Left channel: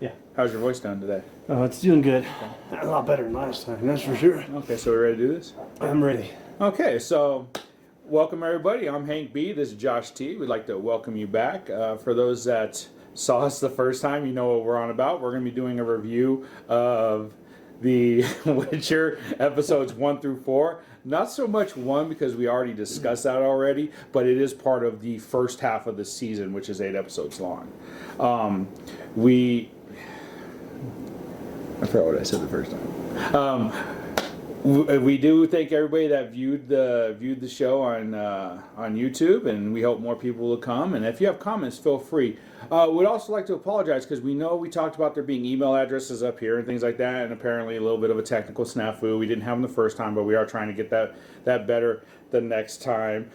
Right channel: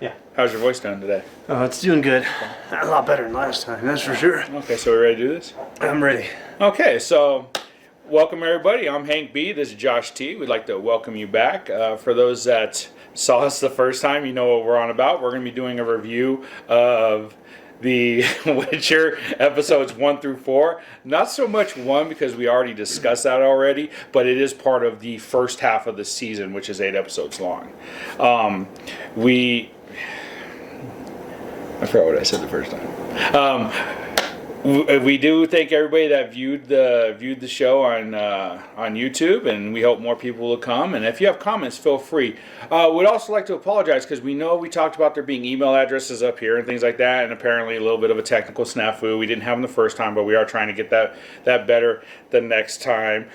Yeah. How's your voice doing today? Oh, it's doing good. A lot better than last time, that's for sure. Okay, so we're ready to do this? I'm ready. Okay, so welcome everybody. I'm Hank B. This is Josh T. We'd like to welcome you back. For those that saw us the first time, you know what we're on about. We're going to be doing a review of the Witcher episodes 1 through 4. Not so much 1 because we already discussed that already, but it is part of the first half of the season, which is 8 episodes long. I forgot what I said the first time. We do thank everybody that viewed the show on YouTube, and we hope more people will come. And if you have comments, feel free. We'd also like to apologize because we know we talked about there being email addresses up here and things like that, and apparently a little bit of a technical snafu. We didn't have them the first time, but we are trying to get that better the next time.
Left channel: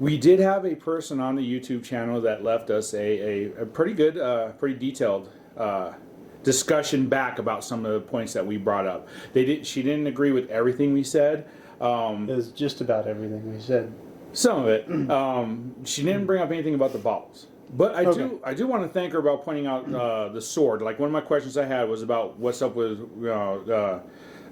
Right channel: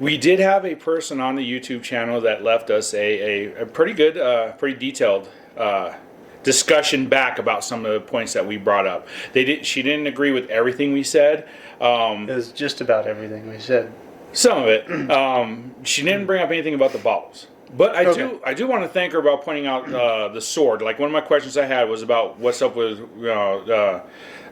We did have a person on the YouTube channel that left us a pretty good, pretty detailed discussion back about some of the points that we brought up. She didn't agree with everything we said. It was just about everything we said. Some of it. She didn't bring up anything about the bottles. But I do want to thank her about pointing out the sword. Like, one of my questions I had was about what's up with the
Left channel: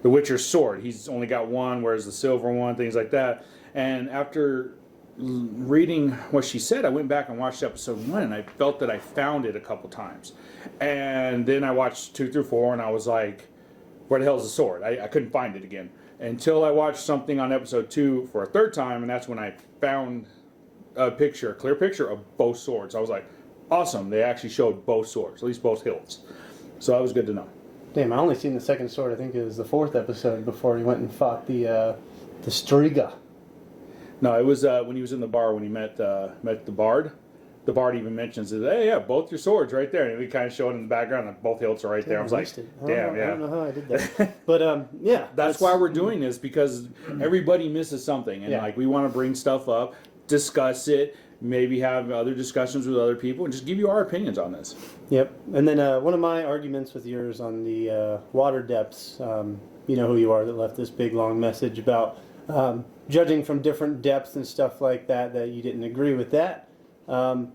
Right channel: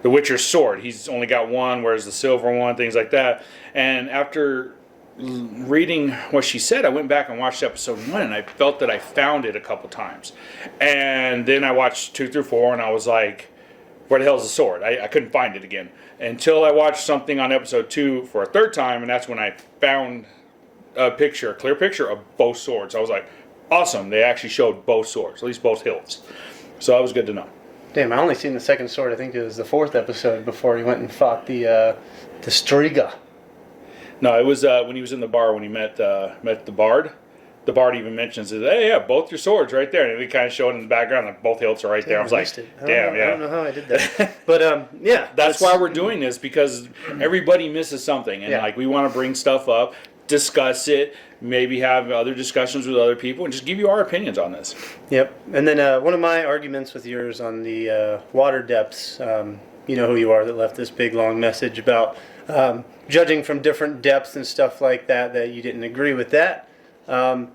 Witcher's sword. He's only got one, whereas the silver one, things like that. And after reading what she said, I went back and watched episode 1, and I felt that I found it a couple times. And then I watched 2 through 4, and I was like, where the hell is the sword? I couldn't find it again. Until I watched something on episode 2 for a third time, and that's when I found a clear picture of both swords. I was like, awesome, they actually showed both swords, at least both hilts. So that was good to know. Damn, I only seen the second sword. I think it was the 4th episode before he went and fought the Strega. No, it was when he was in the bar when he met the Bard. The Bard even mentions it. Hey, yeah, both your swords right there, and we kind of showed in the background like both hilts are right there. I was like, damn, yeah. I don't know how I did that, but yeah, that's why we're doing this, because everybody misses something, and like we want to bring stuff up, discuss it, maybe have other discussions with other people, and just give you our opinions on this. Yep. And then one of my arguments with yours on the water depths. You know who you are that left this big long message about judging from different depths and stuff like that. That you didn't agree with that. I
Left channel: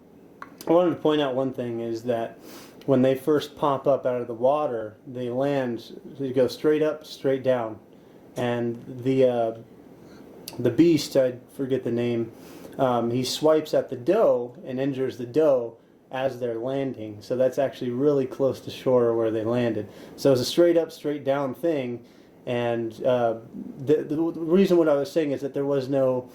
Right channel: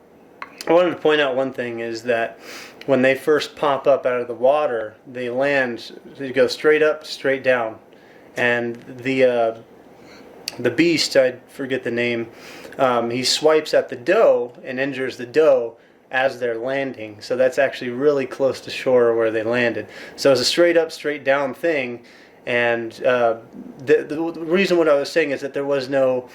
wanted to point out one thing is that when they first pop up out of the water, they land, they go straight up, straight down. And the beast, I forget the name, he swipes at the doe and injures the doe as they're landing. So that's actually really close to shore where they landed. So it's a straight up, straight down thing. And the reason what I was saying is that there was no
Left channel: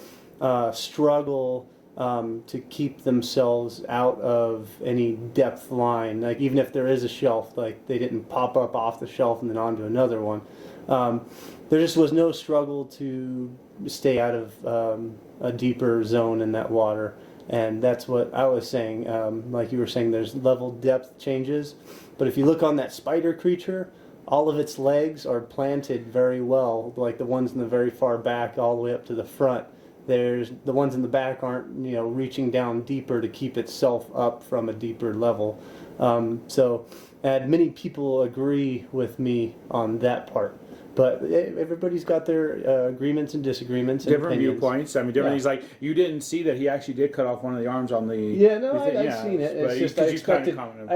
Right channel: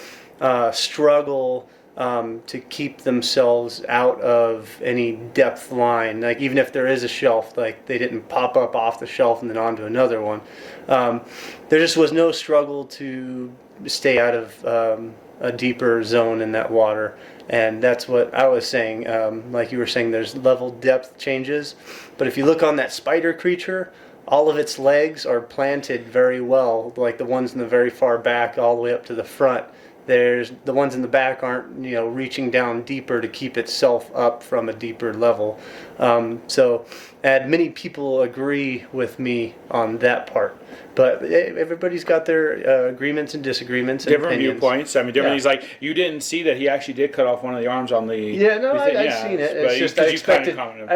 struggle to keep themselves out of any depth line. Like, even if there is a shelf, like, they didn't pop up off the shelf and then onto another one. There just was no struggle to stay out of a deeper zone in that water. And that's what I was saying. Like you were saying, there's level depth changes. But if you look on that spider creature, all of its legs are planted very well, like the ones in the very far back all the way up to the front. There's the ones in the back aren't, reaching down deeper to keep itself up from a deeper level. So, and many people agree with me on that part. But everybody's got their agreements and disagreements and different opinions. Viewpoints. I mean, different. He's like, you didn't see that he actually did cut off one of the arms on the. Yeah, no, I've seen it. It's just I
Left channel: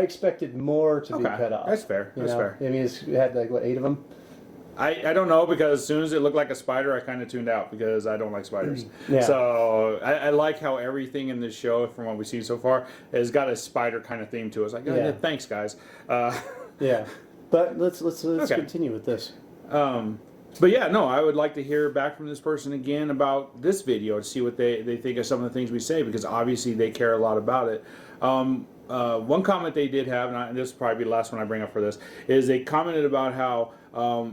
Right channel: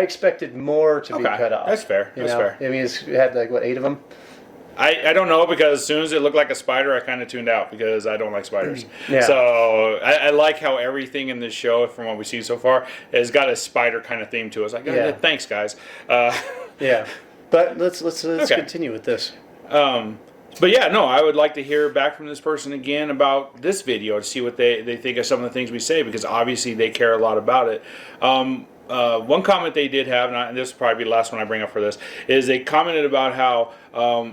expected more to be cut off. That's fair. That's fair. I mean, it had 8 of them. I don't know, because as soon as it looked like a spider, I kind of tuned out because I don't like spiders. Yeah. So I like how everything in this show, from what we've seen so far, has got a spider kind of theme to it. It's like, thanks, guys. Yeah, but let's continue with this. But yeah, no, I would like to hear back from this person again about this video to see what they think of some of the things we say, because obviously they care a lot about it. One comment they did have, and this will probably be the last one I bring up for this, is they commented about how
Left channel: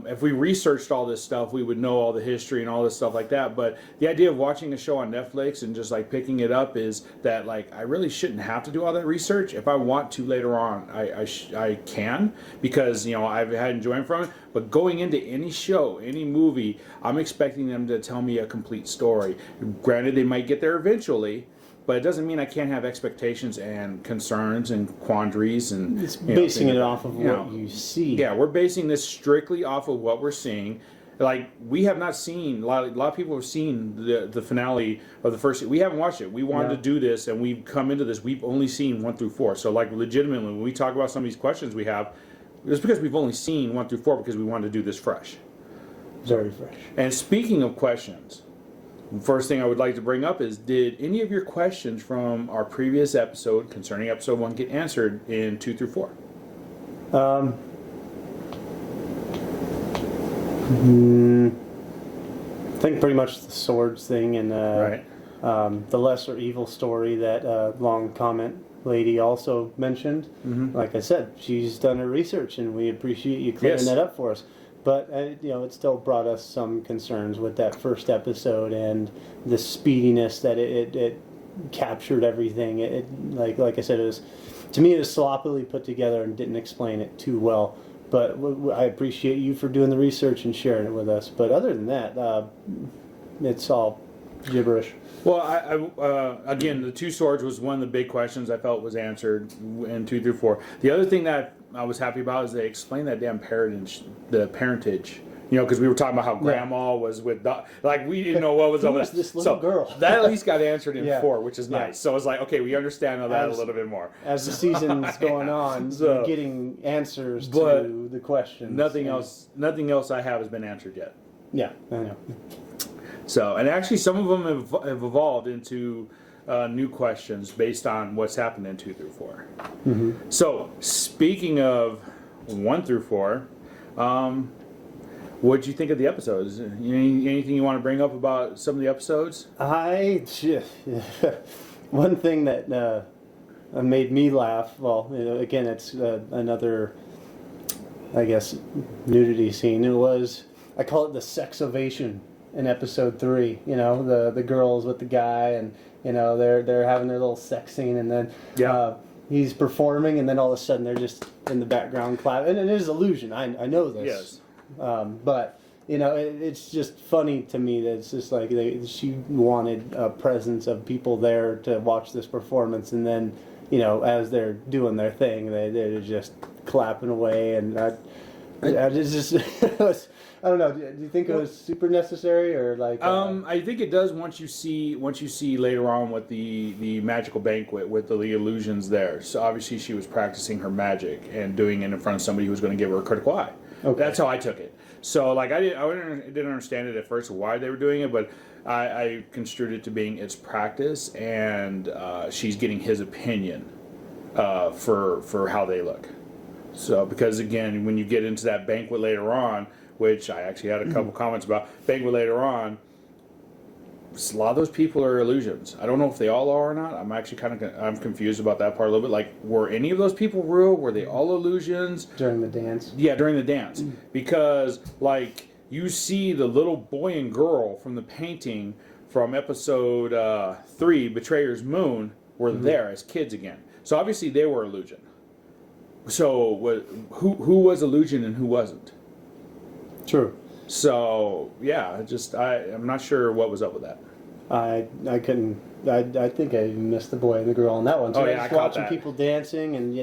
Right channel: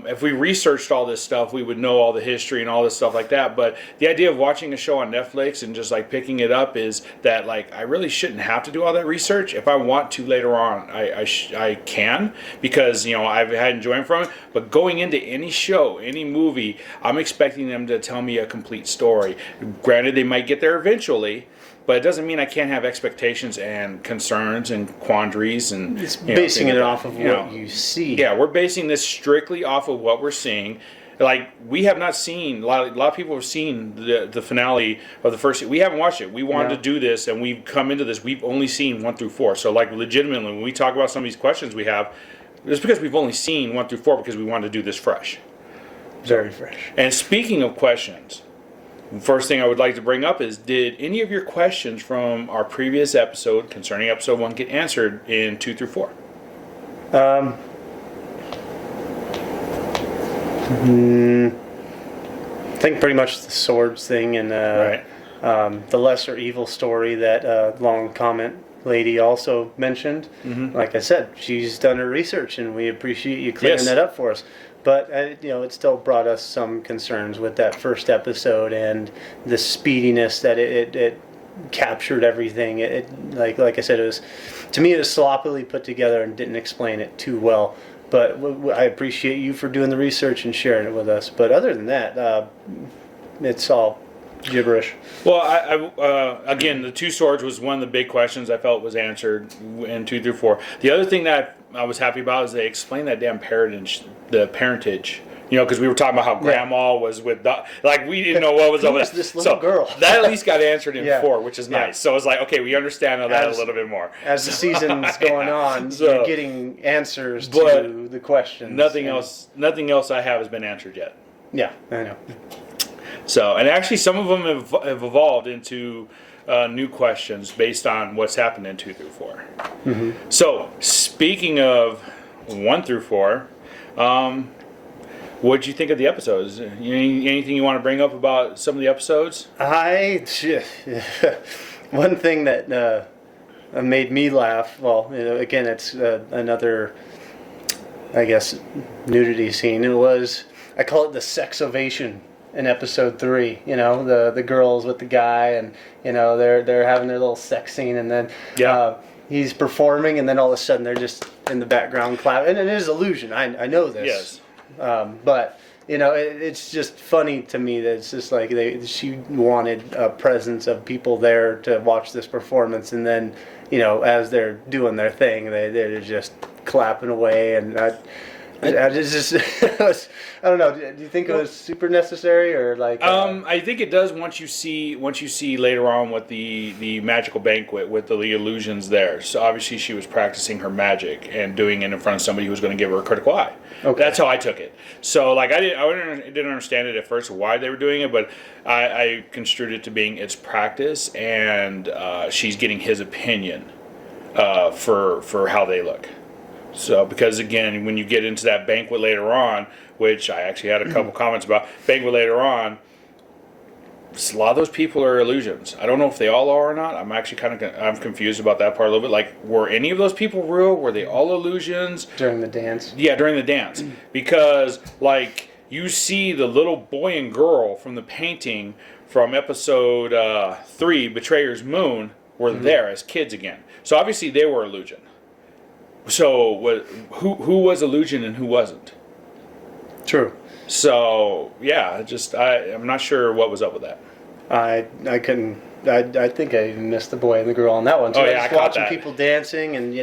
if we researched all this stuff, we would know all the history and all this stuff like that. But the idea of watching a show on Netflix and just picking it up is that I really shouldn't have to do all that research. If I want to later on, I can, because I've had enjoyment from it. But going into any show, any movie, I'm expecting them to tell me a complete story. Granted, they might get there eventually. But it doesn't mean I can't have expectations and concerns and quandaries and. It's basing it off of what you see. Yeah, we're basing this strictly off of what we're seeing. Like, we have not seen, a lot of people have seen the finale of the first. We haven't watched it. We wanted to do this, and we've come into this. We've only seen 1 through 4. So, like, legitimately, when we talk about some of these questions we have, it's because we've only seen 1 through 4 because we wanted to do this fresh. Very fresh. And speaking of questions, the first thing I would like to bring up is, did any of your questions from our previous episode concerning episode 1 get answered in 2 through 4? I think pretty much the swords thing and the lesser evil story that long comment lady also mentioned. Like I said, she's done her research, and we appreciate you clearing that up for us. But it still brought us some concerns with that first episode and the speediness that it captured everything. Like I said, it was, to me, it was sloppily put together and didn't explain it too well. But I appreciate you for doing the research and sharing it with us. But other than that, it's all gibberish. Well, again, the 2 swords was one of the big questions I felt was answered in 2 through 4. The other thing that I was happy about is they explained that damn parentage. Because we were talking about how Grandma was with, like, we didn't know what was up with that. This little girl. That at least got answered in 4, which is nice. So it's like, okay, we understand that a little bit more. As the season's going on, you're getting answers to the questions. Nothing else I have has been answered yet. Yeah, I know. So, and actually some of them have evolved into new questions based on what's happened in 2 through 4. So, speaking of 1 through 4, what did you think of the episodes? Anything you want to bring up about some of the episodes? One thing that made me laugh, well, again, it's another, I guess, nudity scene. It was, I call it the sex ovation in episode 3. The girls with the guy, and they're having their little sex scene, and then he's performing, and then all of a sudden they're just in the background clapping. And it is illusion. I know this. Yes. But it's just funny to me that it's just like she wanted a presence of people there to watch this performance, and then as they're doing their thing, they're just clapping away, and I just I don't know. Do you think it was super necessary, or like? I think it does once you see later on with the magical banquet with the illusions there. So obviously she was practicing her magic and doing it in front of somebody who was going to give her a critical eye. Okay. That's how I took it. So like I didn't understand it at first why they were doing it, but I construed it to being it's practice, and she's getting his opinion for how they look. So, because again, when you get into that banquet later on, which I actually had a couple comments about, banquet later on, a lot of those people are illusions. I don't know if they all are or not. I'm actually I'm confused about that part a little bit. Like, were any of those people real? Were they all illusions? During the dance? Yeah, during the dance. Because, like, you see the little boy and girl from the painting from episode 3, Betrayer's Moon, were there as kids again. So, obviously, they were illusion. So, who was illusion and who wasn't? True. So, yeah, I'm not sure what was up with that. I couldn't. I think I even missed the boy and the girl on that one too. Oh, yeah, I was I caught watching that. people dancing, and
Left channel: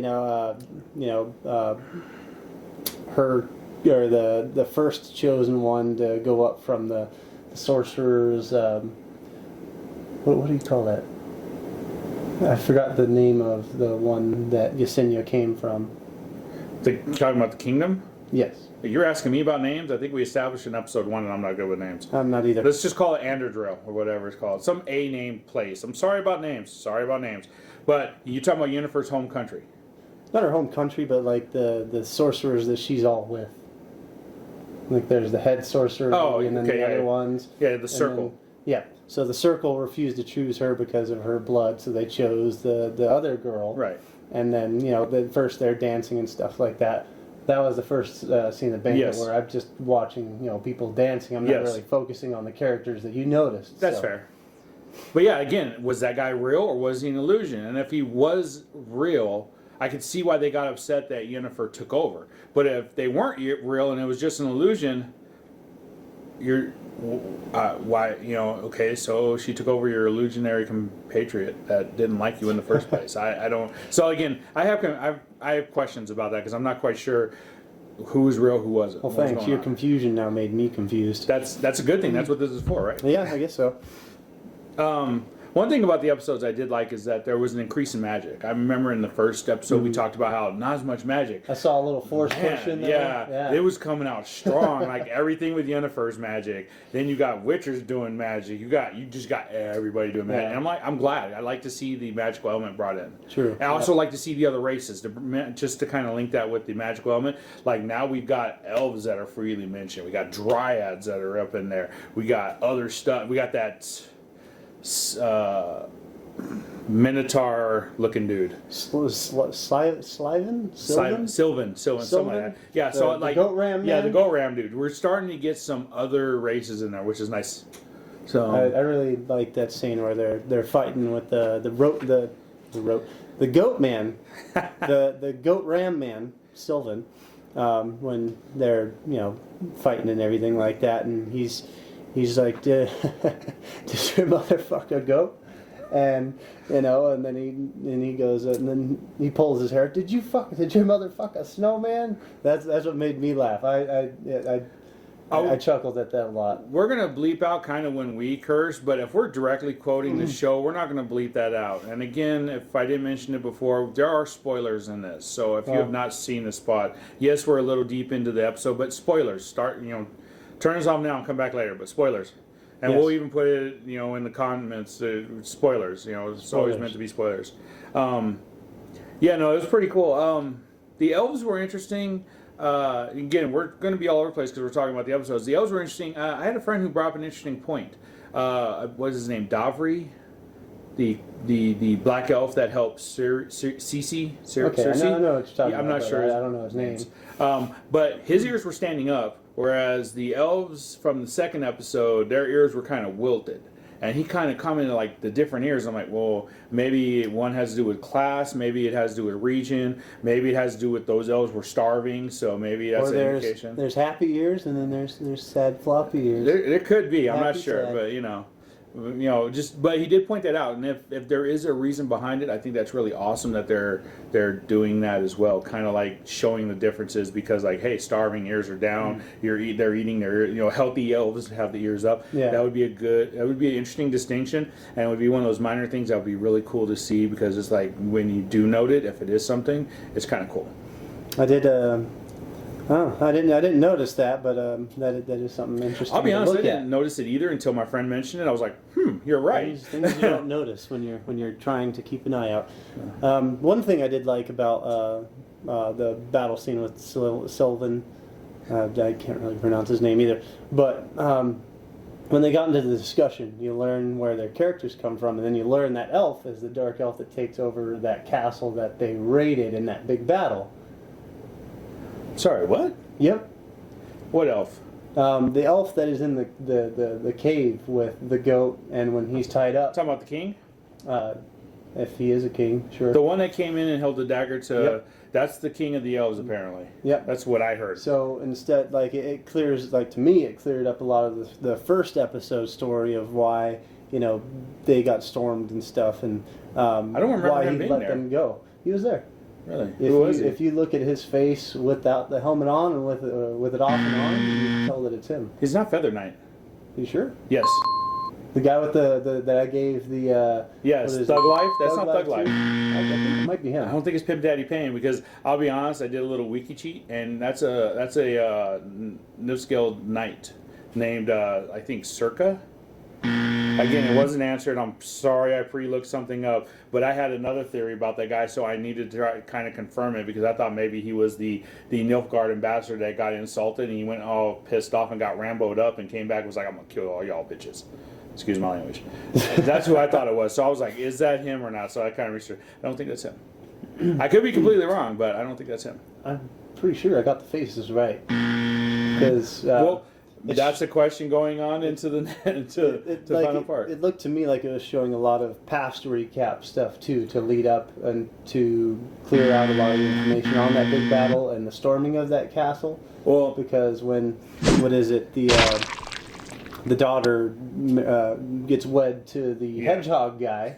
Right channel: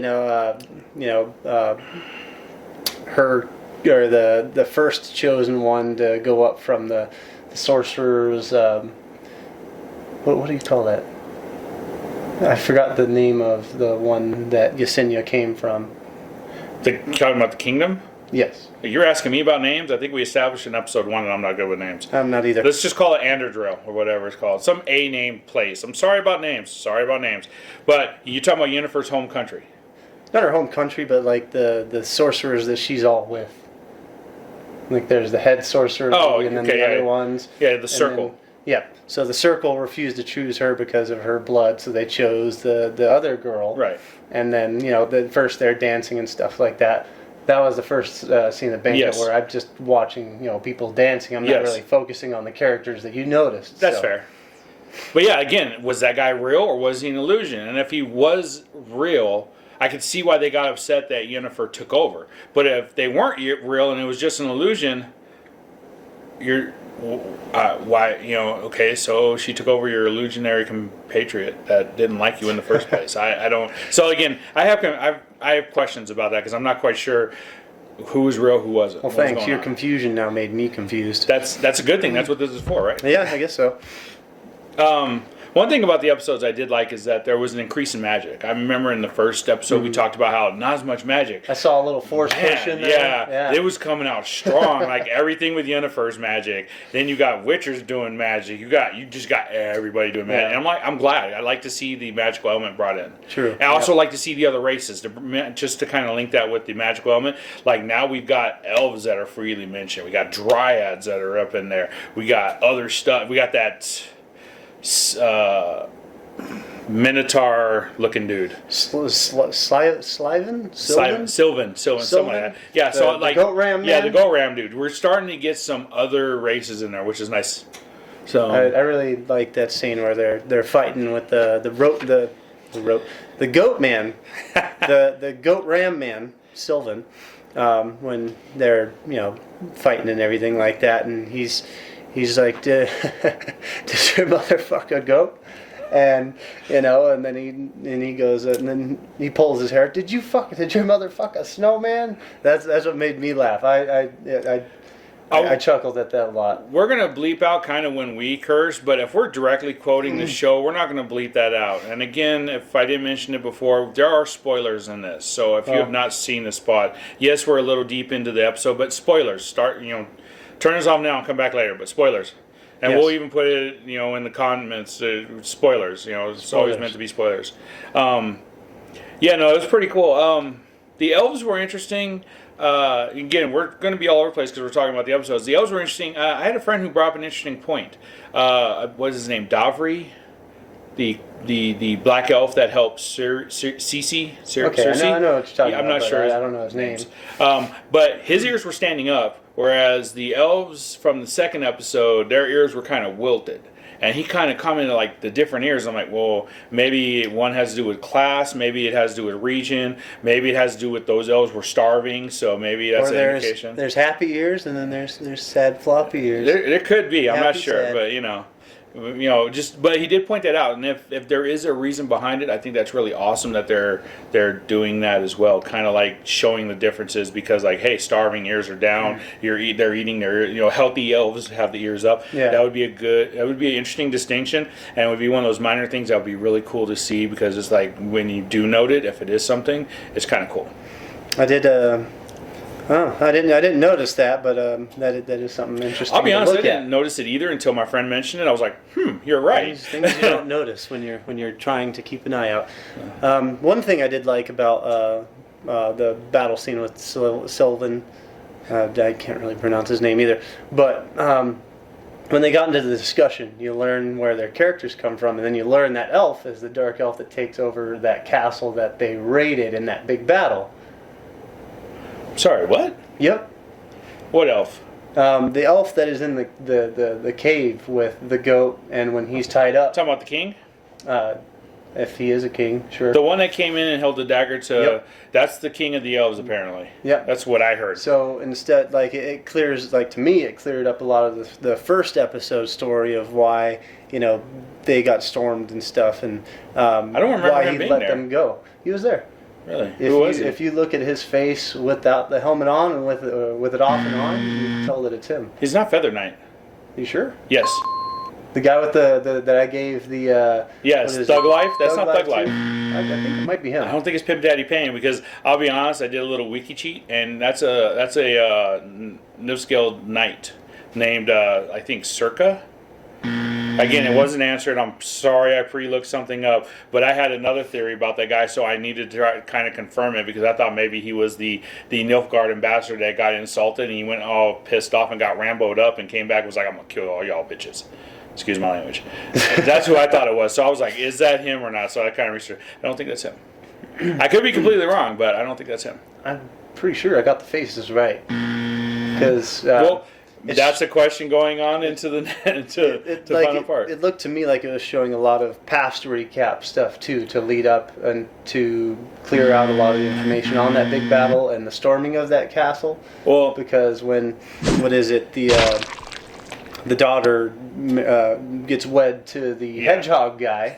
her, or the first chosen one to go up from the sorcerer's. What do you call that? I forgot the name of the one that Yesenia came from. Talking about the kingdom? Yes. You're asking me about names? I think we established in episode 1 and I'm not good with names. I'm not either. Let's just call it Anderdrill or whatever it's called. Some A-name place. I'm sorry about names. But you're talking about Yennefer's home country. Not her home country, but like the sorcerers that she's all with. Like there's the head sorcerer and then the other ones. Yeah, the circle. Yeah. So the circle refused to choose her because of her blood, so they chose the other girl. Right. And then, first they're dancing and stuff like that. That was the first scene of Banquet where I'm just watching, people dancing. I'm not really focusing on the characters that you noticed. That's fair. But yeah, again, was that guy real or was he an illusion? And if he was real, I could see why they got upset that Yennefer took over. But if they weren't real and it was just an illusion, why, okay, so she took over your illusionary compatriot that didn't like you in the first place. I don't. So again, I have questions about that because I'm not quite sure who was real, who wasn't. Well, what was thanks. going Your on. confusion now made me confused. That's a good thing. That's what this is for, right? Yeah, I guess so. One thing about the episodes I did like is that there was an increase in magic. I remember in the first episode we talked about how not as much magic. I saw a little force push in there. Yeah, it was coming out strong. Like everything with Yennefer's magic. Then you got Witchers doing magic. You just got everybody doing magic. Yeah. And I'm glad. I like to see the magical element brought in. True. I also like to see the other races. Just to kind of link that with the magical element. Like now we've got elves that are freely mentioned. We got dryads that are up in there. We got other stuff. We got that. Minotaur looking dude. Sylvan? Sylvan, something like that. Yeah, so like the goat ram. Yeah, man? the goat ram dude. We're starting to get some other races in there, which is nice. So I really like that scene where they're fighting with the goat man, the goat ram man, Sylvan, when they're fighting and everything like that, and he's like, did your mother fuck a goat? And and then he goes and then he pulls his hair. Did your mother fuck a snowman? That's what made me laugh. I chuckled at that a lot. We're gonna bleep out kind of when we curse, but if we're directly quoting the show, we're not gonna bleep that out. And again, if I didn't mention it before, there are spoilers in this. So if you have not seen the spot, yes, we're a little deep into the episode, but spoilers. Turn us off now and come back later, but spoilers. And Yes. we'll even put it, in the comments, spoilers. It's always meant to be spoilers. It was pretty cool. The elves were interesting. Again, we're going to be all over the place because we're talking about the episodes. The elves were interesting. I had a friend who brought up an interesting point. What is his name? Davri? The black elf that helps Cece. Okay, I know what you're talking about. I'm not sure. I don't know his name. But his ears were standing up, whereas the elves from the second episode, their ears were kind of wilted. And he kind of commented like the different ears. I'm like, well, maybe one has to do with class, maybe it has to do with region, maybe it has to do with those elves were starving, so maybe that's an indication. There's happy ears and then there's sad floppy ears. There could be, I'm not Happy, sure, sad. but but he did point that out, and if there is a reason behind it, I think that's really awesome that they're doing that as well, kind of like showing the differences, because like, hey, starving ears are down, they're eating their healthy elves have the ears up. Yeah. That would be an interesting distinction, and it would be one of those minor things that would be really cool to see, because it's like when you do note it, if it is something, it's kind of cool. I did. I didn't notice that, but that is something interesting. I'll be honest, I to look didn't notice it either until my friend mentioned it. I was like, you're right. Things you don't notice when you're trying to keep an eye out. One thing I did like about the battle scene with Sylvan, I can't really pronounce his name either, but when they got into the discussion, you learn where their characters come from, and then you learn that elf is the dark elf that takes over that castle that they raided in that big battle. Sorry, what? Yep. What elf? The elf that is in the cave with the goat, and when he's tied up. Talking about the king? If he is a king, sure. The one that came in and held the dagger to... Yep. That's the king of the elves, apparently. Yep. That's what I heard. So instead, like, it clears, like, to me, it cleared up a lot of the first episode story of why, they got stormed and stuff, and I don't remember why him he being let there. them go. He was there. Really? Who was he? If you look at his face without the helmet on and with it off and on, you can tell that it's him. He's not Feather Knight. You sure? Yes. The guy with the that I gave the Yes, what is Thug it? Life? That's not Thug too? Life. I think it might be him. I don't think it's Pimp Daddy Payne, because I'll be honest, I did a little wiki cheat, and that's a no-scale knight named I think Circa. Again, it wasn't answered. I'm sorry I pre-looked something up, but I had another theory about that guy, so I needed to try to kind of confirm it, because I thought maybe he was the Nilfgaard ambassador that got insulted, and he went all pissed off and got Rambo'd up and came back and was like, I'm going to kill all y'all bitches. Excuse my language. That's who I thought it was. So I was like, is that him or not? So I kind of researched. I don't think that's him. I could be completely wrong, but I don't think that's him. I'm pretty sure I got the faces right. Because that's a question going on into the final part. It looked to me like it was showing a lot of past recap stuff too, to lead up and to clear out a lot of the information on that big battle and the storming of that castle. Well, because the daughter gets wed to the hedgehog guy,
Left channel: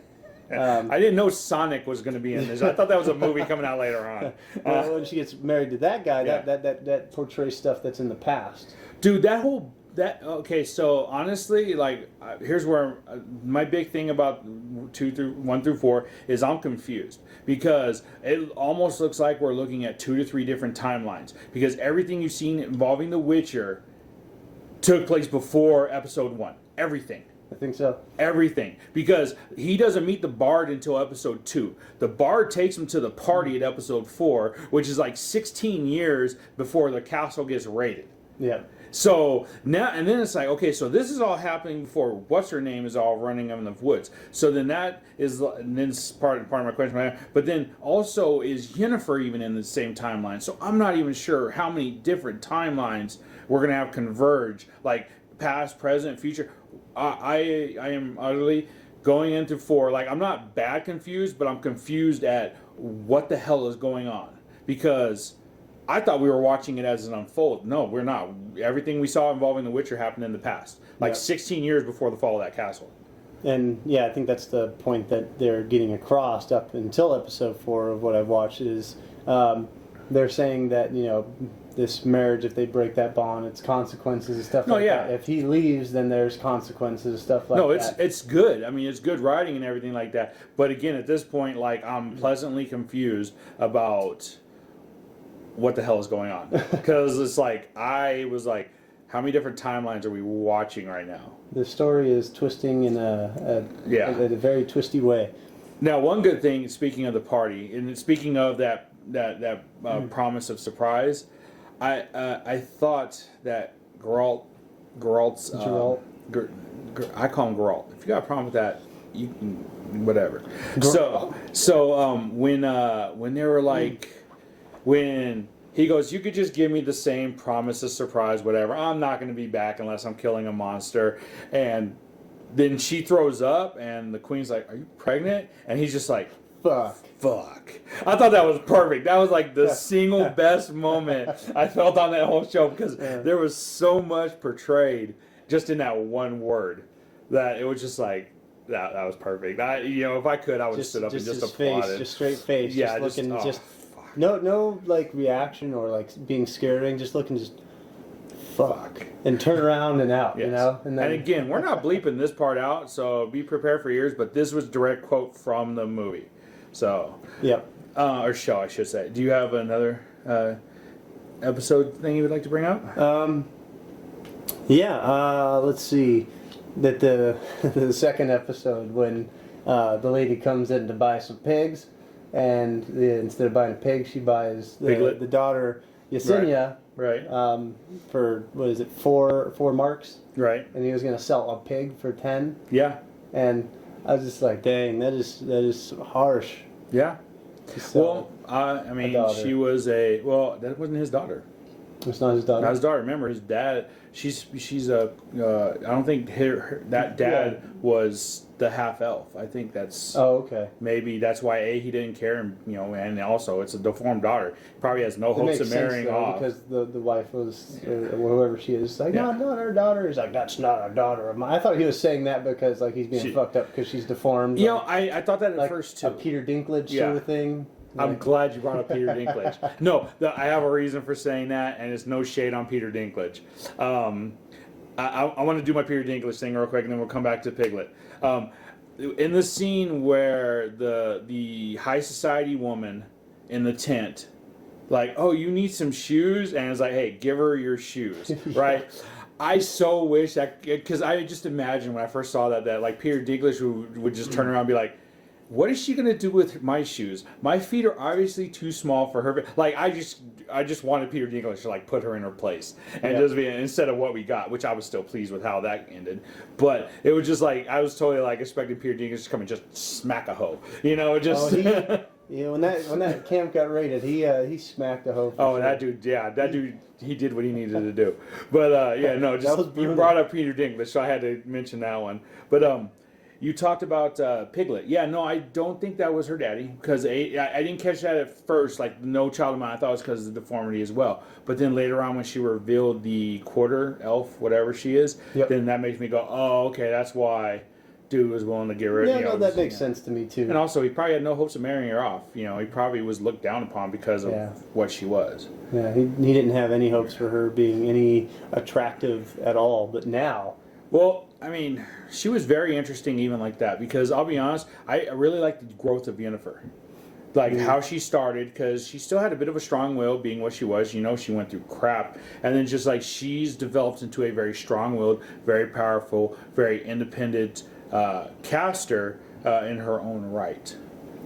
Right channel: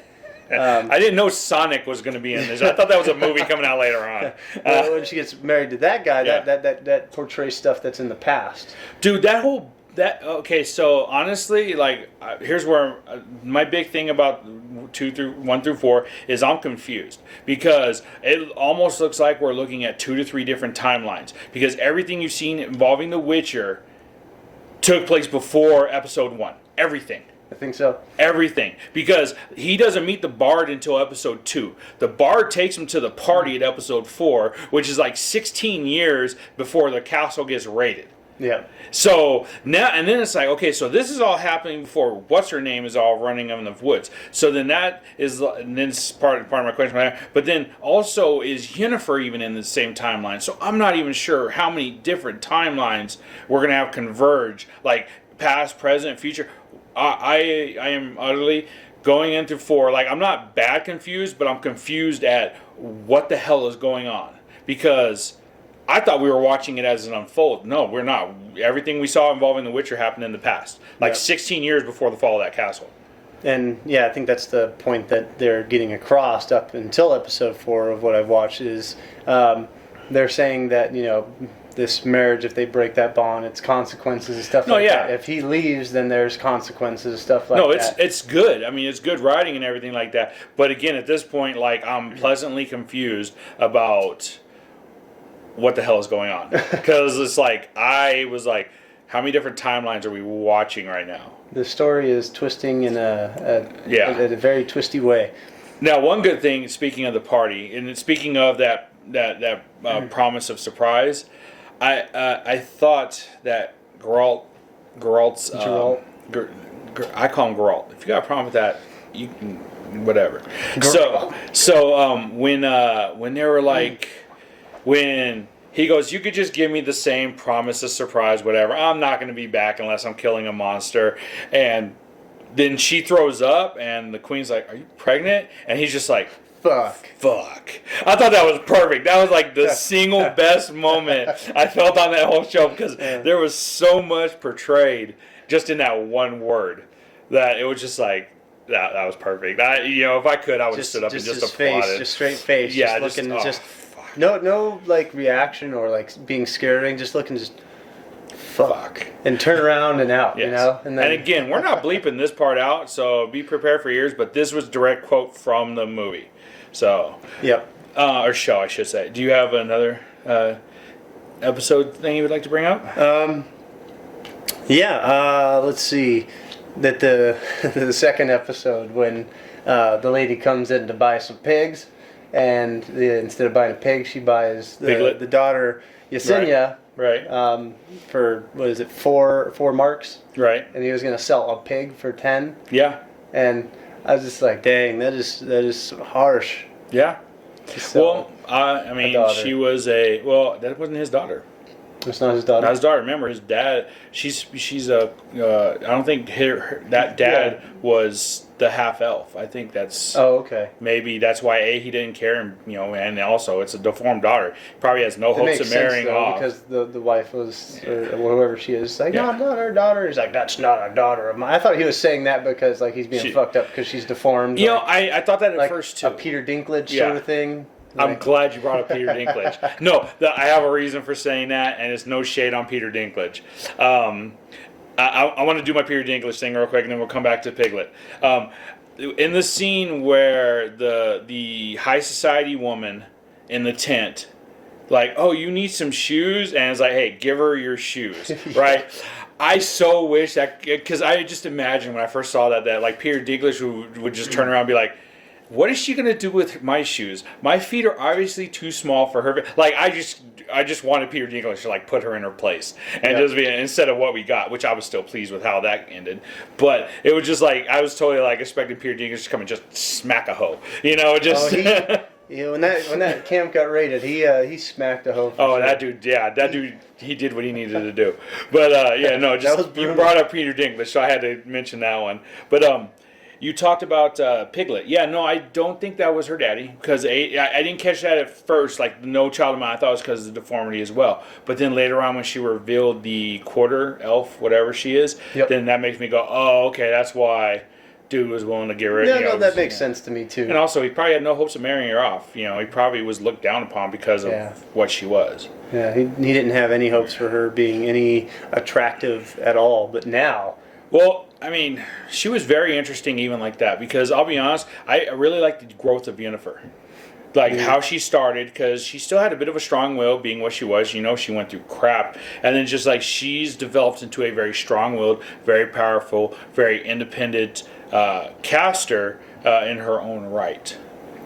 I didn't know Sonic was going to be in this. I thought that was a movie coming out later on. Well, when she gets married to that guy, Yeah. that portrays stuff that's in the past. Dude, okay, so honestly, like, here's where my big thing about 1 through 4 is I'm confused, because it almost looks like we're looking at 2 to 3 different timelines, because everything you've seen involving The Witcher took place before episode 1. Everything. I think so. Everything. Because he doesn't meet the Bard until episode 2. The Bard takes him to the party at episode 4, which is like 16 years before the castle gets raided. Yeah. So now, and then it's like, okay, so this is all happening before what's her name is all running in the woods. So then that is, and then it's part of my question. But then also, is Yennefer even in the same timeline? So I'm not even sure how many different timelines we're gonna have converge, like past, present, future. I am utterly going into 4. Like, I'm not bad confused, but I'm confused at what the hell is going on, because I thought we were watching it as an unfold. No, we're not. Everything we saw involving The Witcher happened in the past, like 16 years before the fall of that castle. And yeah, I think that's the point that they're getting across up until episode 4 of what I've watched is they're saying that, you know, this marriage, if they break that bond, it's consequences and stuff that. If he leaves, then there's consequences and stuff like that. No, it's good. I mean, it's good writing and everything like that. But again, at this point, like, I'm pleasantly confused about what the hell is going on, because it's like, I was like, how many different timelines are we watching right now? The story is twisting in a very twisty way. Now, one good thing, speaking of the party, and speaking of that promise of surprise, I thought that Geralt's I call him Geralt. If you got a problem with that, you can, whatever. So when they were like, when he goes, you could just give me the same promise of surprise, whatever. I'm not going to be back unless I'm killing a monster. And then she throws up, and the queen's like, are you pregnant? And he's just like, fuck. I thought that was perfect. That was like the single best moment I felt on that whole show, because there was so much portrayed just in that one word that it was just like, that was perfect. If I could, I would have stood up and just applauded. Face, just straight face. Yeah, just looking, no like reaction or like being scaring, just looking, just fuck, and turn around and out. Yes. You know. And again, we're not bleeping this part out, so be prepared for yours. But this was direct quote from the movie. So or show, I should say. Do you have another episode thing you would like to bring up? Let's see. That the second episode, when the lady comes in to buy some pigs, and instead of buying a pig, she buys the daughter Yesenia, right? For what is it, 4 marks, right? And he was going to sell a pig for 10. Yeah. And I was just like, dang, that is harsh. Yeah. Well, I mean, she was that wasn't his daughter. It's not his daughter. Not his daughter. Remember, his dad. She's a. I don't think that dad was the half elf. I think that's. Oh, okay. Maybe that's why he didn't care, and also it's a deformed daughter. Probably has no hopes of marrying off, because the wife was, or whoever she is, like, no, I'm not her daughter. He's like, that's not a daughter of mine. I thought he was saying that because like he's being fucked up because she's deformed. I thought that at first too. A Peter Dinklage sort of thing. I'm glad you brought up Peter Dinklage. No, I have a reason for saying that, and it's no shade on Peter Dinklage. I want to do my Peter Dinklage thing real quick, and then we'll come back to Piglet. In the scene where the high society woman in the tent, like, oh, you need some shoes, and it's like, hey, give her your shoes, right? I so wish that, because I just imagine when I first saw that like Peter Dinklage would just turn around and be like, what is she gonna do with my shoes? My feet are obviously too small for her. Like, I just wanted Peter Dinklage to like put her in her place and just be, instead of what we got, which I was still pleased with how that ended. But it was just like, I was totally like expecting Peter Dinklage to come and just smack a hoe, just. When that camp got raided, he smacked a hoe. Sure. That dude, he did what he needed to do. But you brought up Peter Dinklage, so I had to mention that one. But you talked about Piglet. Yeah, no, I don't think that was her daddy, because I didn't catch that at first. Like, no child of mine, I thought it was because of the deformity as well. But then later on, when she revealed the quarter elf, whatever she is, then that makes me go, oh, okay, that's why dude was willing to get rid. Yeah, no, that makes sense to me too. And also, he probably had no hopes of marrying her off. He probably was looked down upon because of what she was. Yeah, he didn't have any hopes for her being any attractive at all. But now, well, I mean, she was very interesting even like that because I'll be honest, I really like the growth of Yennefer. Like how she started, because she still had a bit of a strong will, being what she was. She went through crap, and then just like she's developed into a very strong-willed, very powerful, very independent caster in her own right.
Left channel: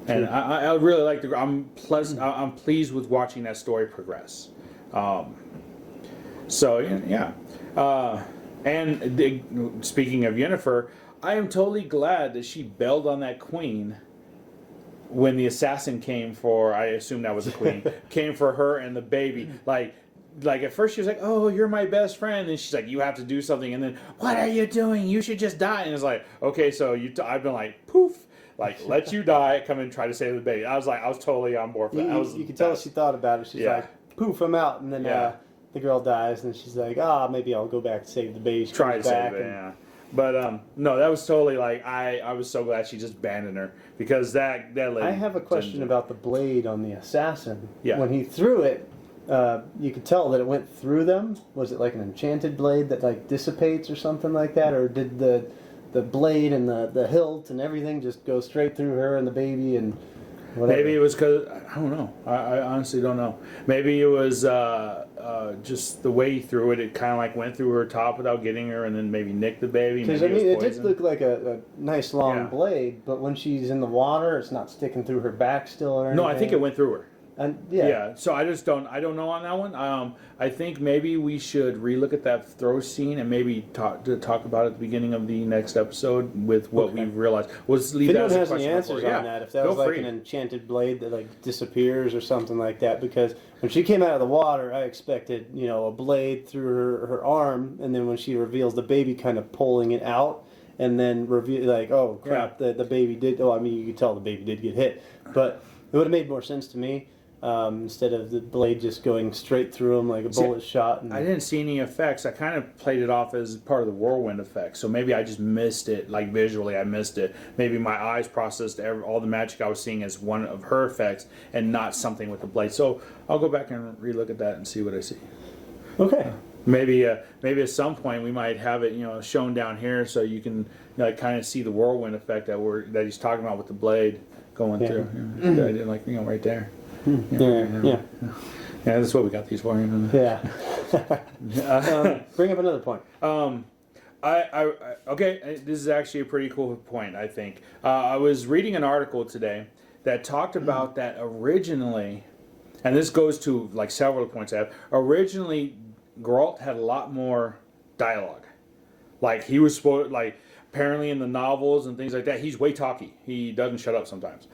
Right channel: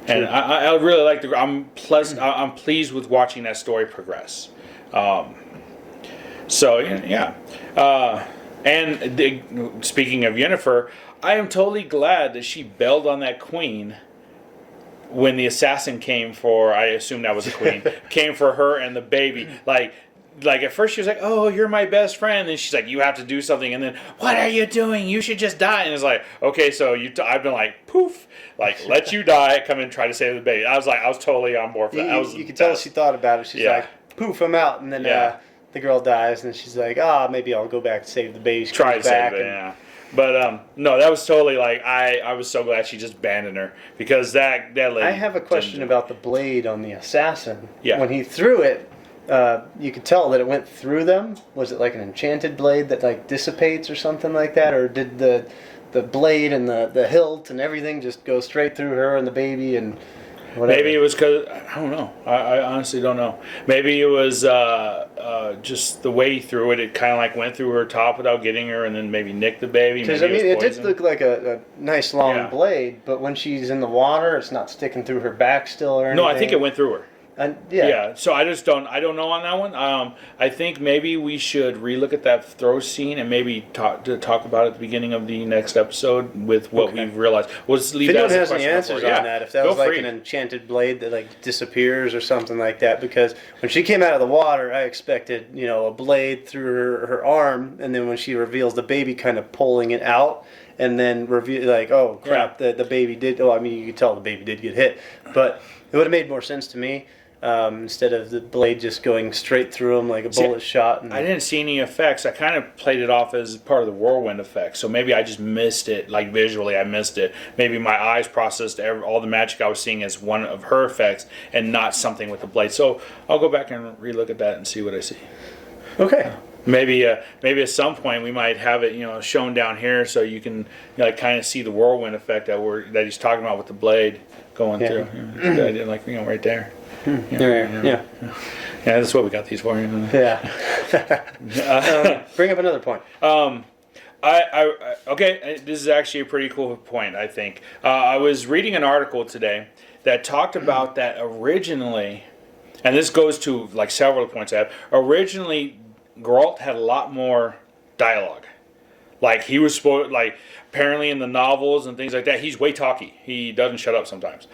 And I really like the. I'm pleased with watching that story progress. So yeah. And speaking of Yennefer, I am totally glad that she bailed on that queen. When the assassin came for, I assume that was a queen, came for her and the baby. Like at first she was like, "Oh, you're my best friend," and she's like, "You have to do something," and then, "What are you doing? You should just die." And it's like, okay, so I've been like, poof, like let you die, come and try to save the baby. I was totally on board for that. You could tell she thought about it. She's like, "Poof, I'm out," and then the girl dies, and she's like, maybe I'll go back and save the baby. Try to save it, yeah. But no, that was totally like I was so glad she just abandoned her because that lady. I have a question about the blade on the assassin. Yeah. When he threw it, you could tell that it went through them. Was it like an enchanted blade that like dissipates or something like that, or did the blade and the hilt and everything just go straight through her and the baby and whatever? Maybe it was because I don't know. I honestly don't know. Maybe it was just the way he threw it. It kind of like went through her top without getting her, and then maybe nicked the baby. Because I mean, it did look like a nice long blade, but when she's in the water, it's not sticking through her back still or anything. No, I think it went through her. And So I don't know on that one. I think maybe we should relook at that throw scene and maybe talk about it at the beginning of the next episode with what we've realized. We'll just leave if that anyone as a has any question answers for- on that, if that was like an enchanted blade that like disappears or something like that, because when she came out of the water, I expected a blade through her arm, and then when she reveals the baby, kind of pulling it out. And then reveal like, oh crap, the baby did. Oh, I mean, you could tell the baby did get hit, but it would have made more sense to me. Instead of the blade just going straight through him like a bullet shot. I didn't see any effects. I kind of played it off as part of the whirlwind effect. So maybe I just missed it. Like visually, I missed it. Maybe my eyes processed all the magic I was seeing as one of her effects and not something with the blade. So I'll go back and relook at that and see what I see. Okay. Maybe at some point we might have it shown down here so you can kind of see the whirlwind effect that he's talking about with the blade going through. It's a good idea, like right there. Yeah, that's what we got these for. Yeah. Bring up another point. Okay, this is actually a pretty cool point, I think. I was reading an article today that talked about that originally, and this goes to like several points I have. Originally, Geralt had a lot more dialogue. Like he was apparently in the novels and things like that, he's way talky. He doesn't shut up sometimes.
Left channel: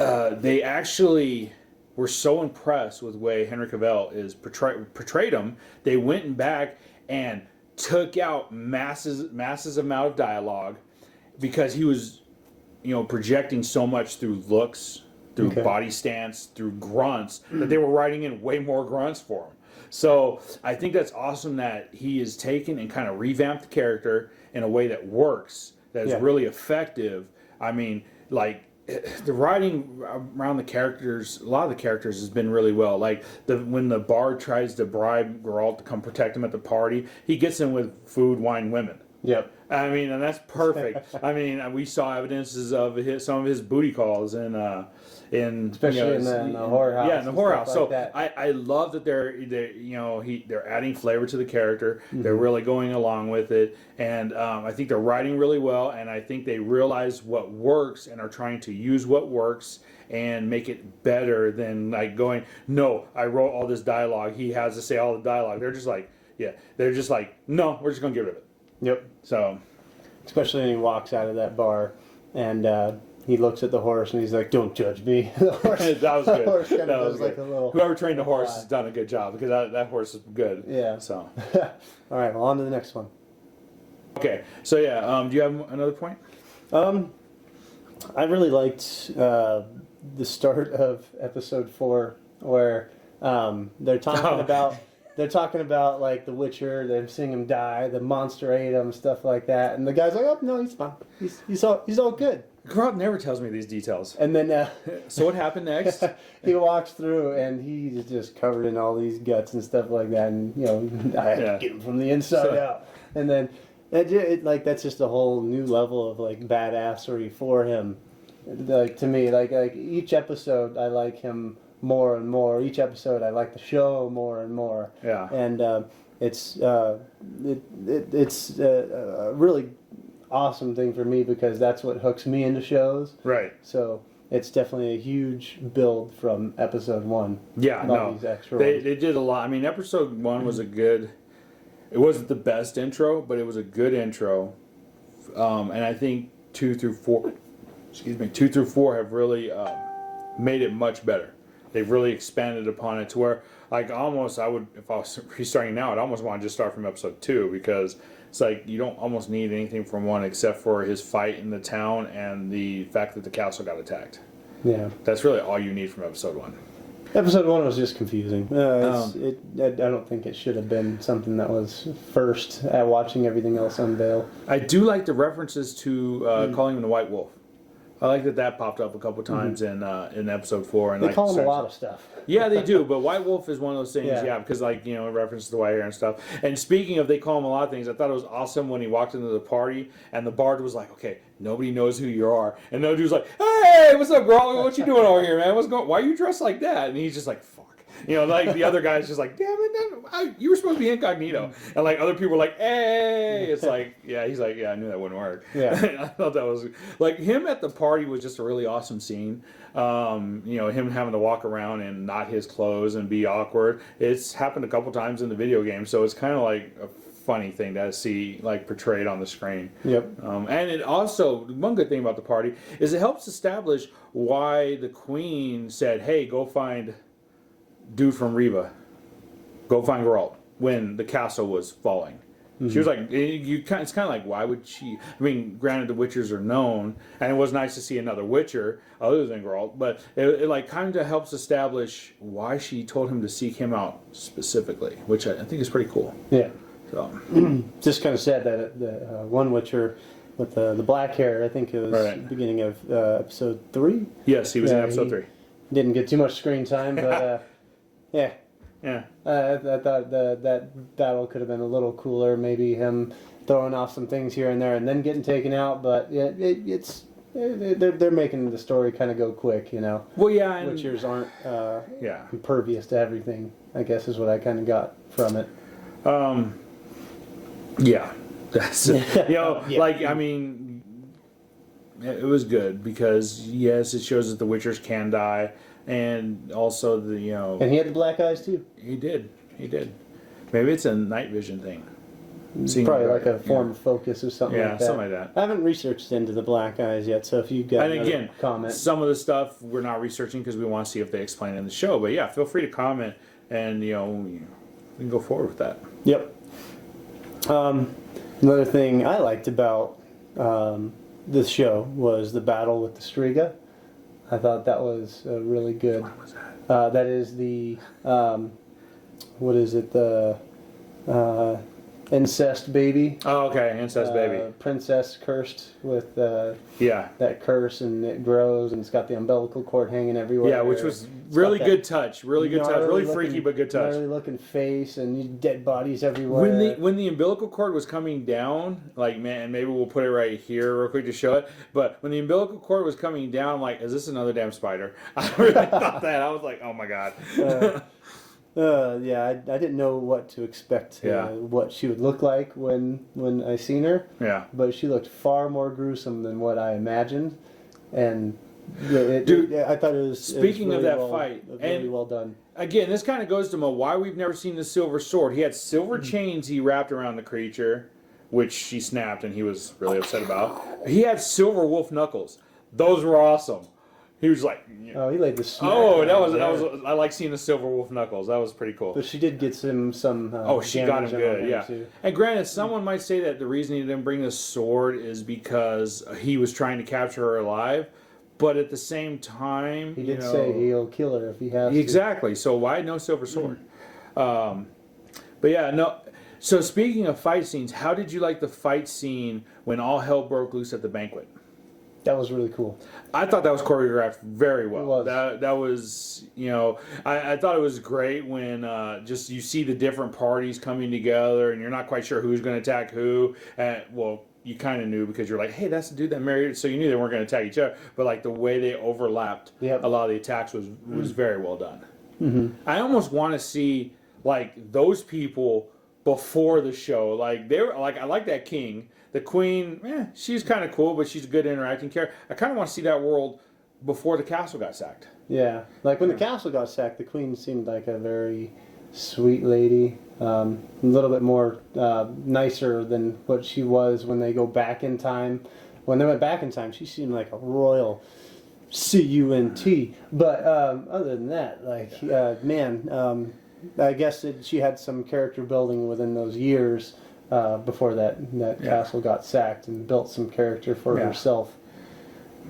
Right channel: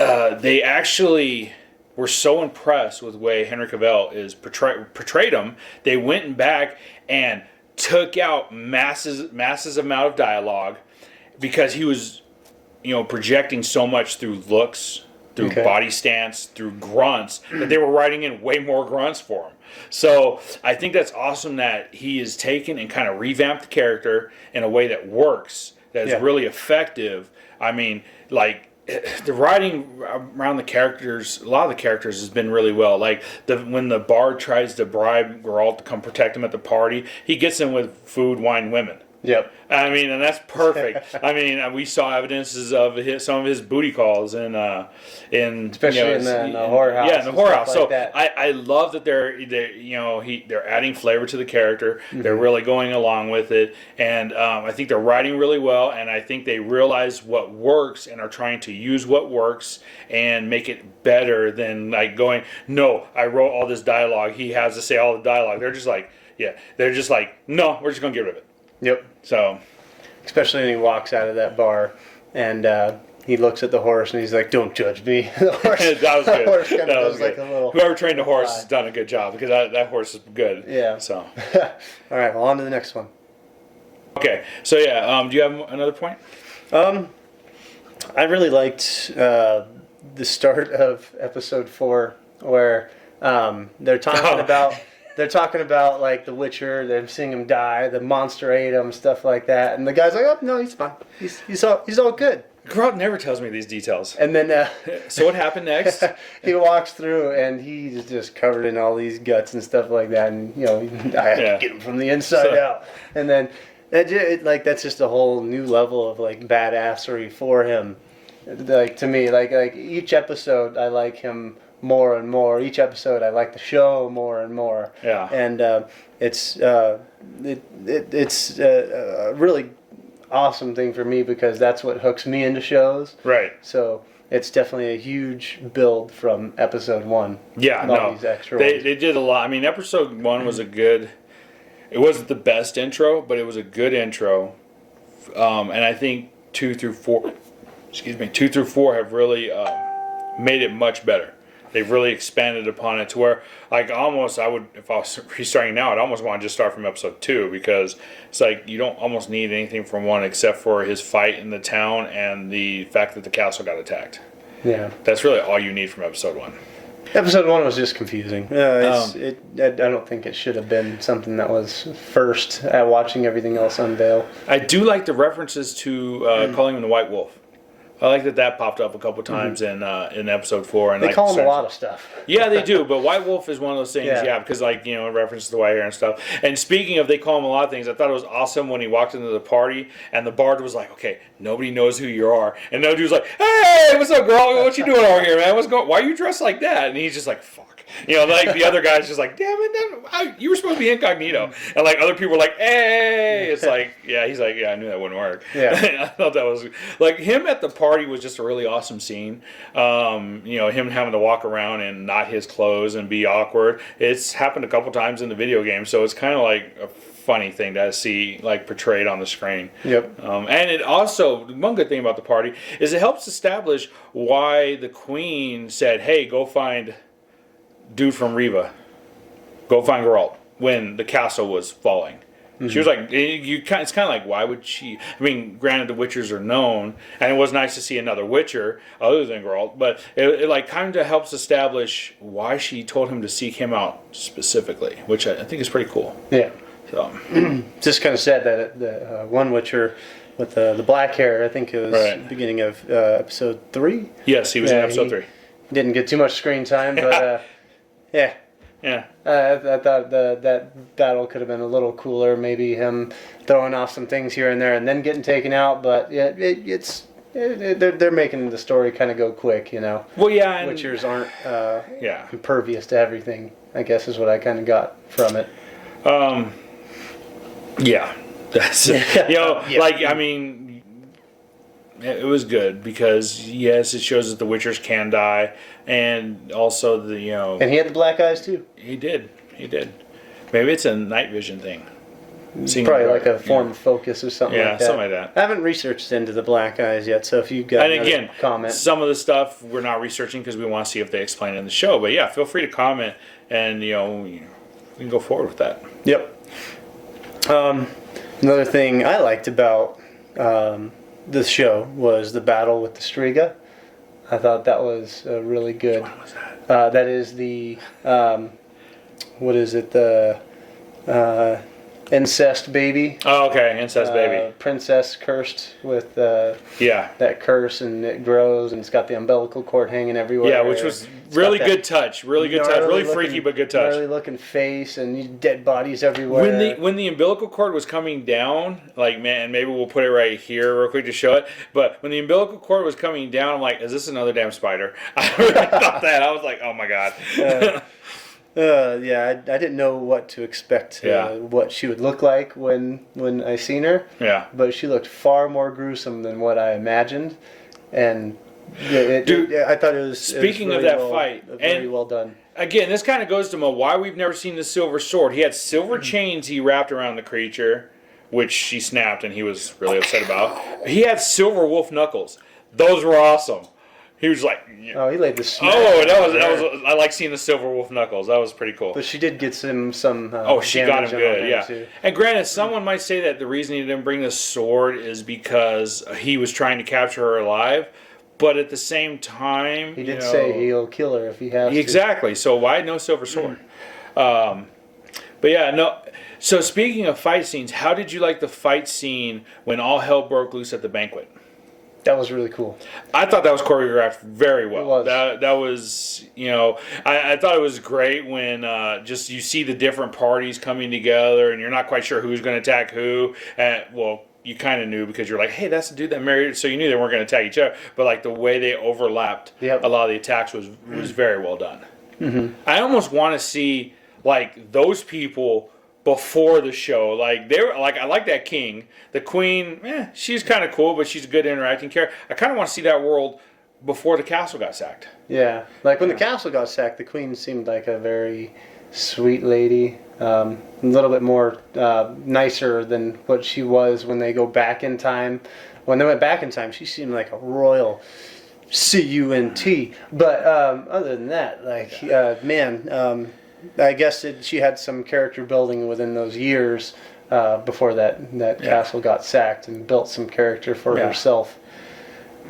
They actually were so impressed with the way Henry Cavill is portrayed him. They went back and took out masses amount of dialogue because he was, projecting so much through looks, through body stance, through grunts, that they were writing in way more grunts for him. So I think that's awesome that he has taken and kind of revamped the character in a way that works, that is really effective. I mean, like, the writing around the characters, a lot of the characters has been really well. Like when the bard tries to bribe Geralt to come protect him at the party, he gets him with food, wine, women. Yep. I mean, and that's perfect. I mean, we saw evidences of some of his booty calls especially in the whorehouse. Yeah, in the whorehouse. Like so that. I love that they're adding flavor to the character. Mm-hmm. They're really going along with it, and I think they're writing really well. And I think they realize what works and are trying to use what works and make it better than like going. No, I wrote all this dialogue. He has to say all the dialogue. They're just like, no, we're just gonna get rid of it. Yep. So, especially when he walks out of that bar and he looks at the horse and he's like, "Don't judge me." The horse, that was good. The horse kind of does like a little. Whoever trained the horse has done a good job because that horse is good. Yeah. So. All right. Well, on to the next one. Okay. So do you have another point? I really liked the start of episode 4 where they're talking about they're talking about like the Witcher. They're seeing him die. The monster ate him, stuff like that. And the guy's like, "Oh no, he's fine. He's all good." Geralt never tells me these details. And then so what happened next? he walks through and he's just covered in all these guts and stuff like that. And I have to get him from the inside out. And then like that's just a whole new level of like badassery for him. Like to me, like each episode, I like him more and more. Each episode, I like the show more and more. Yeah. And it's a really awesome thing for me because that's what hooks me into shows. Right. So it's definitely a huge build from episode 1. Yeah, no. These extra they ones. did a lot. I mean, episode 1 was a good. It wasn't the best intro, but it was a good intro. And I think 2 through 4 have really made it much better. They've really expanded upon it to where, like, almost I would, if I was restarting now, I'd almost want to just start from episode 2 because it's like you don't almost need anything from 1 except for his fight in the town and the fact that the castle got attacked. Yeah. That's really all you need from episode 1. Episode 1 was just confusing. I don't think it should have been something that was first at watching everything else unveil. I do like the references to calling him the White Wolf. I like that popped up a couple times in episode 4. And They like, call him a lot of stuff. Yeah, they do. But White Wolf is one of those things, because it references the white hair and stuff. And speaking of, they call him a lot of things. I thought it was awesome when he walked into the party and the bard was like, "Okay, nobody knows who you are," and no dude's like, "Hey, what's up, girl? What you doing over here, man? Why are you dressed like that?" And he's just like, "Fuck." Like the other guy's just like, "Damn it, you were supposed to be incognito." And like other people were like, "Hey," it's like, he's like, "Yeah, I knew that wouldn't work." Yeah. I thought that was like him at the party was just a really awesome scene. Him having to walk around in not his clothes and be awkward. It's happened a couple times in the video game, so it's kind of like a funny thing to see like portrayed on the screen. Yep. And it also, one good thing about the party is it helps establish why the queen said, "Hey, go find dude from Riva, go find Geralt," when the castle was falling. Mm-hmm. She was like, it's kind of like, why would she? I mean, granted, the Witchers are known, and it was nice to see another Witcher other than Geralt, but it like kind of helps establish why she told him to seek him out specifically, which I think is pretty cool. Yeah. So, just kind of sad that the one Witcher with the black hair, I think it was the beginning of episode 3. Yes, he was in episode 3. Didn't get too much screen time, but yeah. Yeah. I thought that battle could have been a little cooler. Maybe him throwing off some things here and there and then getting taken out. But yeah, they're making the story kind of go quick, Well, yeah. Witchers aren't impervious to everything, I guess is what I kind of got from it. Yeah. That's, I mean, it was good because, yes, it shows that the Witchers can die. And also And he had the black eyes too. He did. Maybe it's a night vision thing. Probably like a form of focus or something like that. Yeah, something like that. I haven't reresearched into the black eyes yet, so if you've got a comment. Some of the stuff we're not researching because we want to see if they explain it in the show. But yeah, feel free to comment and, we can go forward with that. Yep. Another thing I liked about the show was the battle with the Strega. I thought that was really good. Which one was that? That is the, what is it, the incest baby. Oh, okay, incest baby. Princess cursed with that curse, and it grows, and it's got the umbilical cord hanging everywhere. Yeah, which was really good touch. Really good touch. Really freaky, but good touch. Gnarly looking face, and dead bodies everywhere. When the umbilical cord was coming down, like, man, maybe we'll put it right here real quick to show it. But when the umbilical cord was coming down, I'm like, is this another damn spider? I really thought that. I was like, oh my god. I didn't know what to expect, what she would look like when I seen her. Yeah. But she looked far more gruesome than what I imagined, and I thought it was. Speaking of that fight, very well done. Again, this kind of goes to why we've never seen the silver sword. He had silver chains he wrapped around the creature, which she snapped, and he was really upset about. He had silver wolf knuckles. Those were awesome. He was like, oh, he laid the smack. Oh, that was. I like seeing the silver wolf knuckles. That was pretty cool. But she did get some. She got him good. Yeah. Too. And granted, someone might say that the reason he didn't bring the sword is because he was trying to capture her alive. But at the same time, he did say he'll kill her if he has to. Exactly. So why no silver sword? But yeah, no. So speaking of fight scenes, how did you like the fight scene when all hell broke loose at the banquet? That was really cool. I thought that was choreographed very well. It was. That was, I thought it was great when just you see the different parties coming together and you're not quite sure who's going to attack who. Well, you kind of knew because you're like, hey, that's the dude that married, so you knew they weren't going to attack each other. But like the way they overlapped, Yep. a lot of the attacks was very well done. Mm-hmm. I almost want to see like those people before the show. Like they were like, I like that king. The queen, she's kind of cool, but she's a good interacting character. I kind of want to see that world before the castle got sacked. Yeah, like when the castle got sacked, the queen seemed like a very sweet lady, a little bit more nicer than what she was when they go back in time. When they went back in time, she seemed like a royal cunt. But other than that, like I guess she had some character building within those years before that castle got sacked, and built some character for herself.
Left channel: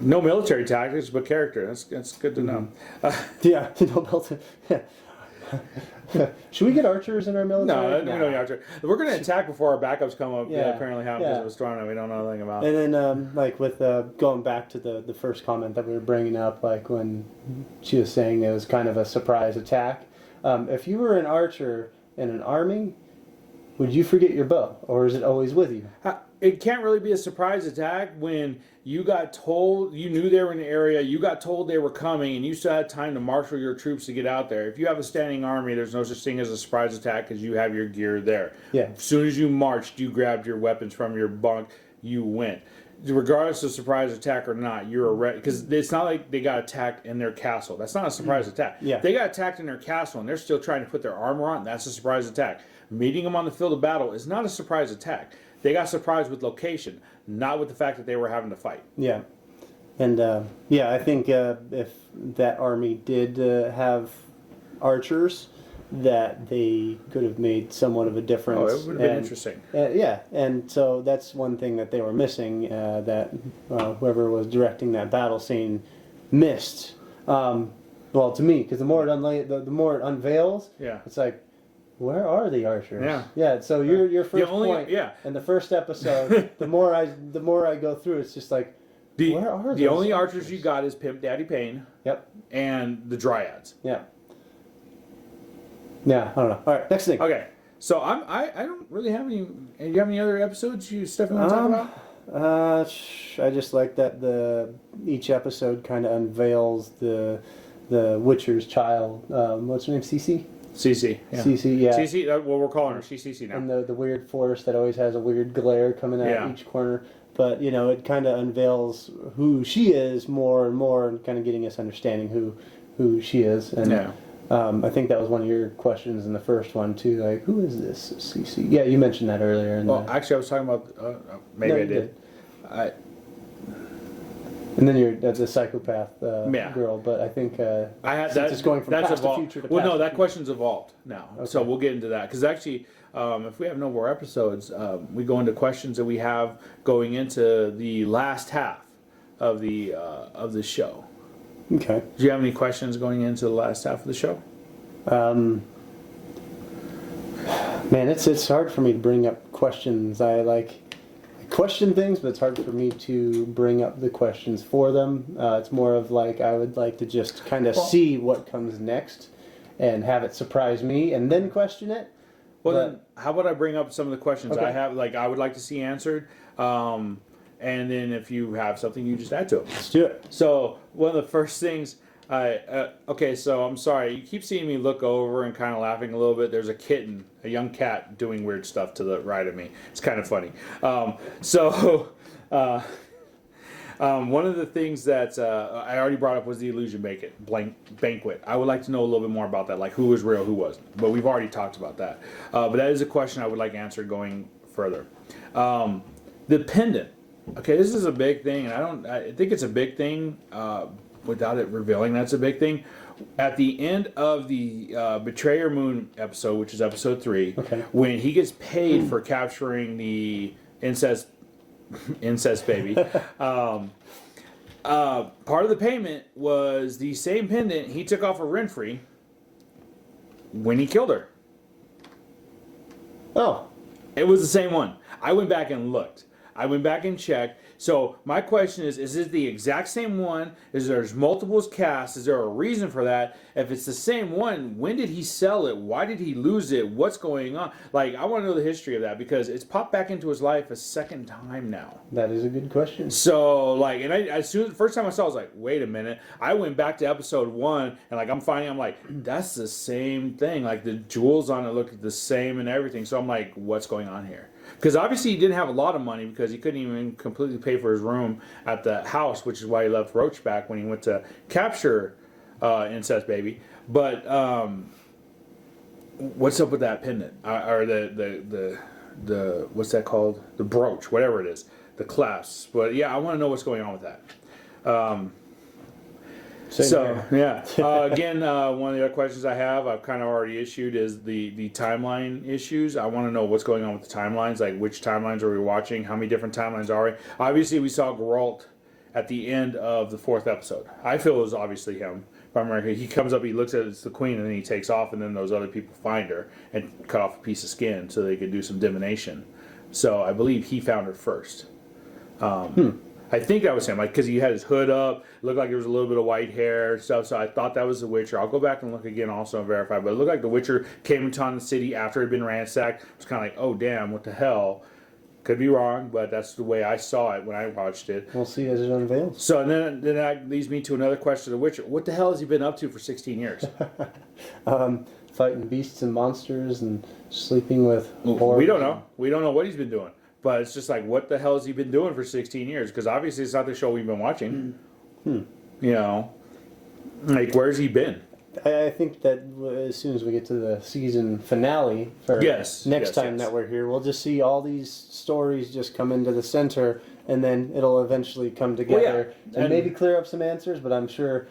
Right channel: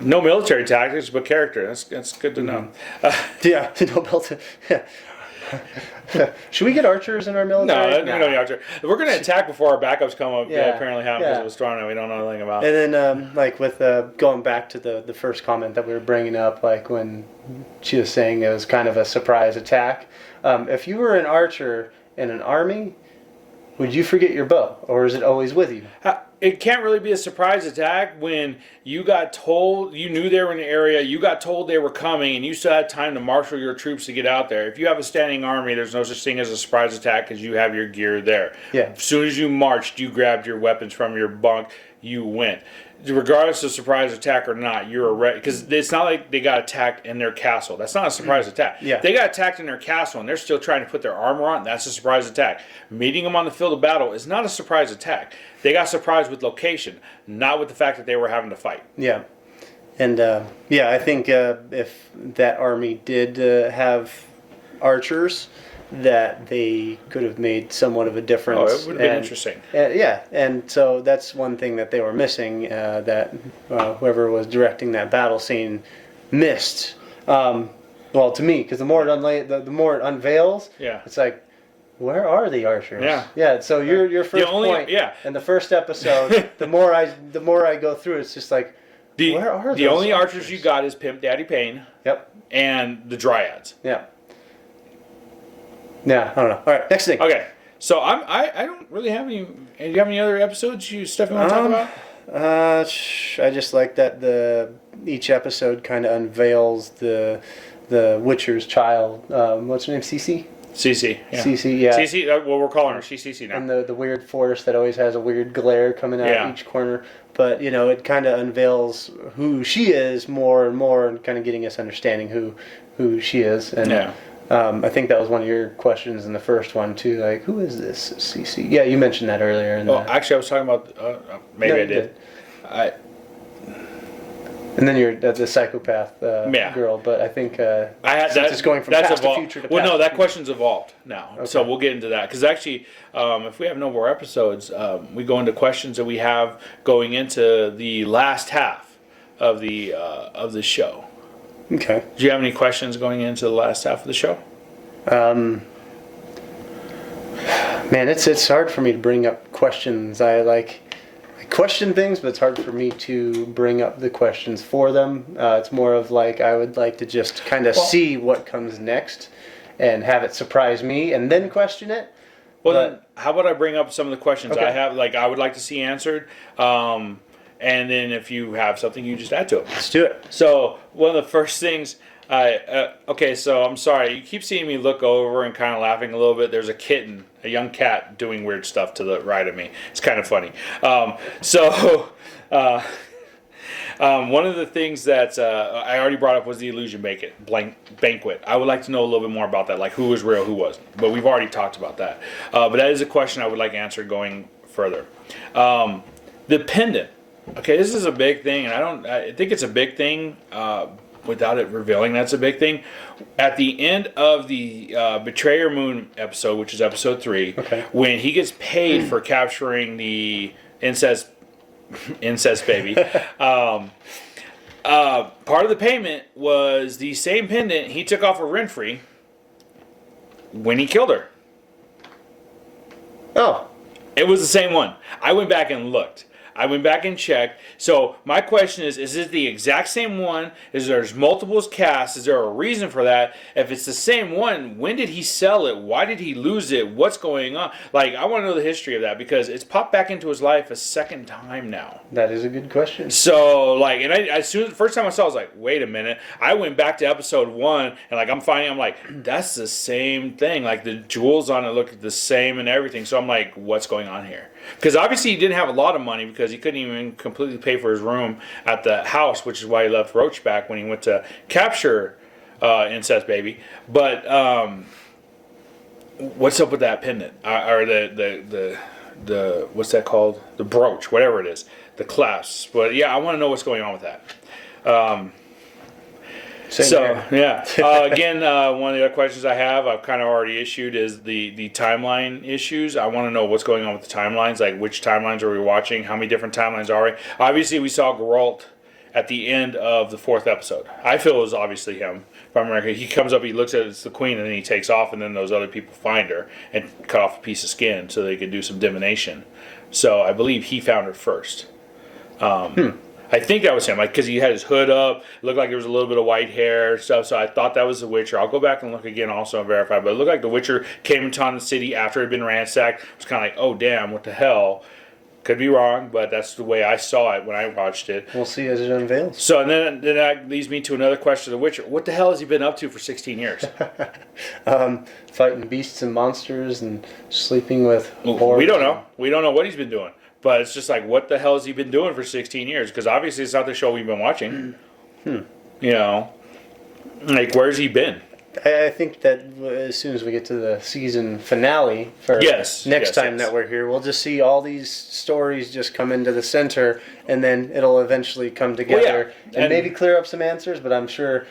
No military tactics, but character. That's good to know. Yeah, no military. Yeah. Should we get archers in our military? No, we don't need archer. We're going to attack before our backups come up. Yeah. Apparently happen because it was strong and we don't know anything about it. And then, like with going back to the first comment that we were bringing up, like when she was saying it was kind of a surprise attack. If you were an archer in an army, would you forget your bow, or is it always with you? It can't really be a surprise attack when you got told, you knew they were in the area, you got told they were coming, and you still had time to marshal your troops to get out there. If you have a standing army, there's no such thing as a surprise attack because you have your gear there. Yeah. As soon as you marched, you grabbed your weapons from your bunk, you went. Regardless of surprise attack or not, you're ready. Because it's not like they got attacked in their castle. That's not a surprise attack. Yeah. They got attacked in their castle and they're still trying to put their armor on. That's a surprise attack. Meeting them on the field of battle is not a surprise attack. They got surprised with location, not with the fact that they were having to fight. Yeah. And I think if that army did have archers, that they could have made somewhat of a difference. Oh, it would have been interesting. Yeah, and so that's one thing that they were missing, that whoever was directing that battle scene missed. Well, to me, because the more it unveils, it's like, where are the archers? Yeah. So your first point, in the first episode, the more I go through, it's just like, where are the only archers you got is Pimp Daddy Payne. Yep. And the Dryads. Yeah. Yeah, I don't know. All right, next thing. Okay, so I don't really have any. Do you have any other episodes stuff you want to talk about? I just like that each episode kind of unveils the Witcher's child. What's her name? Cece. Cece. Yeah. Cece. Yeah. Cece. Well, we're calling her Cece now. And the weird forest that always has a weird glare coming out each corner. But it kind of unveils who she is more and more, and kind of getting us understanding who she is. And I think that was one of your questions in the first one too. Like, who is this Cece? Yeah, you mentioned that earlier. Actually, I was talking about. Maybe I did. And then you're the psychopath girl. But I think I had that. It's going from past to future to past. Well, no, that question's evolved now. Okay. So we'll get into that because actually, if we have no more episodes, we go into questions that we have going into the last half of the show. Okay. Do you have any questions going into the last half of the show? Man, it's hard for me to bring up questions. I question things, but it's hard for me to bring up the questions for them. It's more of like I would like to just kind of see what comes next and have it surprise me and then question it. Well, then, how about I bring up some of the questions I have, like I would like to see answered. And then if you have something, you just add to it. Let's do it. So one of the first things, okay, so I'm sorry. You keep seeing me look over and kind of laughing a little bit. There's a young cat doing weird stuff to the right of me. It's kind of funny. One of the things that I already brought up was the illusion banquet. I would like to know a little bit more about that, like who was real, who wasn't. But we've already talked about that. But that is a question I would like answered going further. The pendant. Okay, this is a big thing, and I think it's a big thing without it revealing that's a big thing. At the end of the Betrayer Moon episode, which is episode 3, when he gets paid for capturing the incest baby, part of the payment was the same pendant he took off of Renfrey when he killed her. Oh, It was the same one. I went back and looked. I went back and checked. So my question is it the exact same one? Is there's multiples cast? Is there a reason for that? If it's the same one, when did he sell it? Why did he lose it? What's going on? Like, I want to know the history of that because it's popped back into his life a second time now. that is a good question. So, like, and as soon as the first time I saw it, I was like, wait a minute. I went back to episode 1 and, like, I'm like, that's the same thing. Like, the jewels on it look the same and everything. So I'm like, what's going on here? Because obviously he didn't have a lot of money because he couldn't even completely pay for his room at the house, which is why he left Roach back when he went to capture Incest Baby. But what's up with that pendant? Or the what's that called? The brooch, whatever it is. The clasp. But yeah, I want to know what's going on with that. Same here. Again, one of the other questions I have, I've kind of already issued, is the timeline issues. I want to know what's going on with the timelines, like which timelines are we watching, how many different timelines are we? Obviously, we saw Geralt at the end of the 4th episode. I feel it was obviously him. If I'm right, he comes up, he looks at it's the queen, and then he takes off, and then those other people find her and cut off a piece of skin so they could do some divination. So I believe he found her first. I think that was him, like, because he had his hood up. It looked like there was a little bit of white hair and stuff. So I thought that was the Witcher. I'll go back and look again also and verify. But it looked like the Witcher came into the city after it had been ransacked. It was kind of like, oh damn, what the hell? Could be wrong, but that's the way I saw it when I watched it. We'll see as it unveils. So and then that leads me to another question of the Witcher. What the hell has he been up to for 16 years? Fighting beasts and monsters and sleeping with. We don't know. We don't know what he's been doing. But it's just like, what the hell has he been doing for 16 years? Because obviously it's not the show we've been watching. You know, like, where's he been? I think that as soon as we get to the season finale for next time that we're here, we'll just see all these stories just come into the center, and then it'll eventually come together and maybe clear up some answers. But I'm sure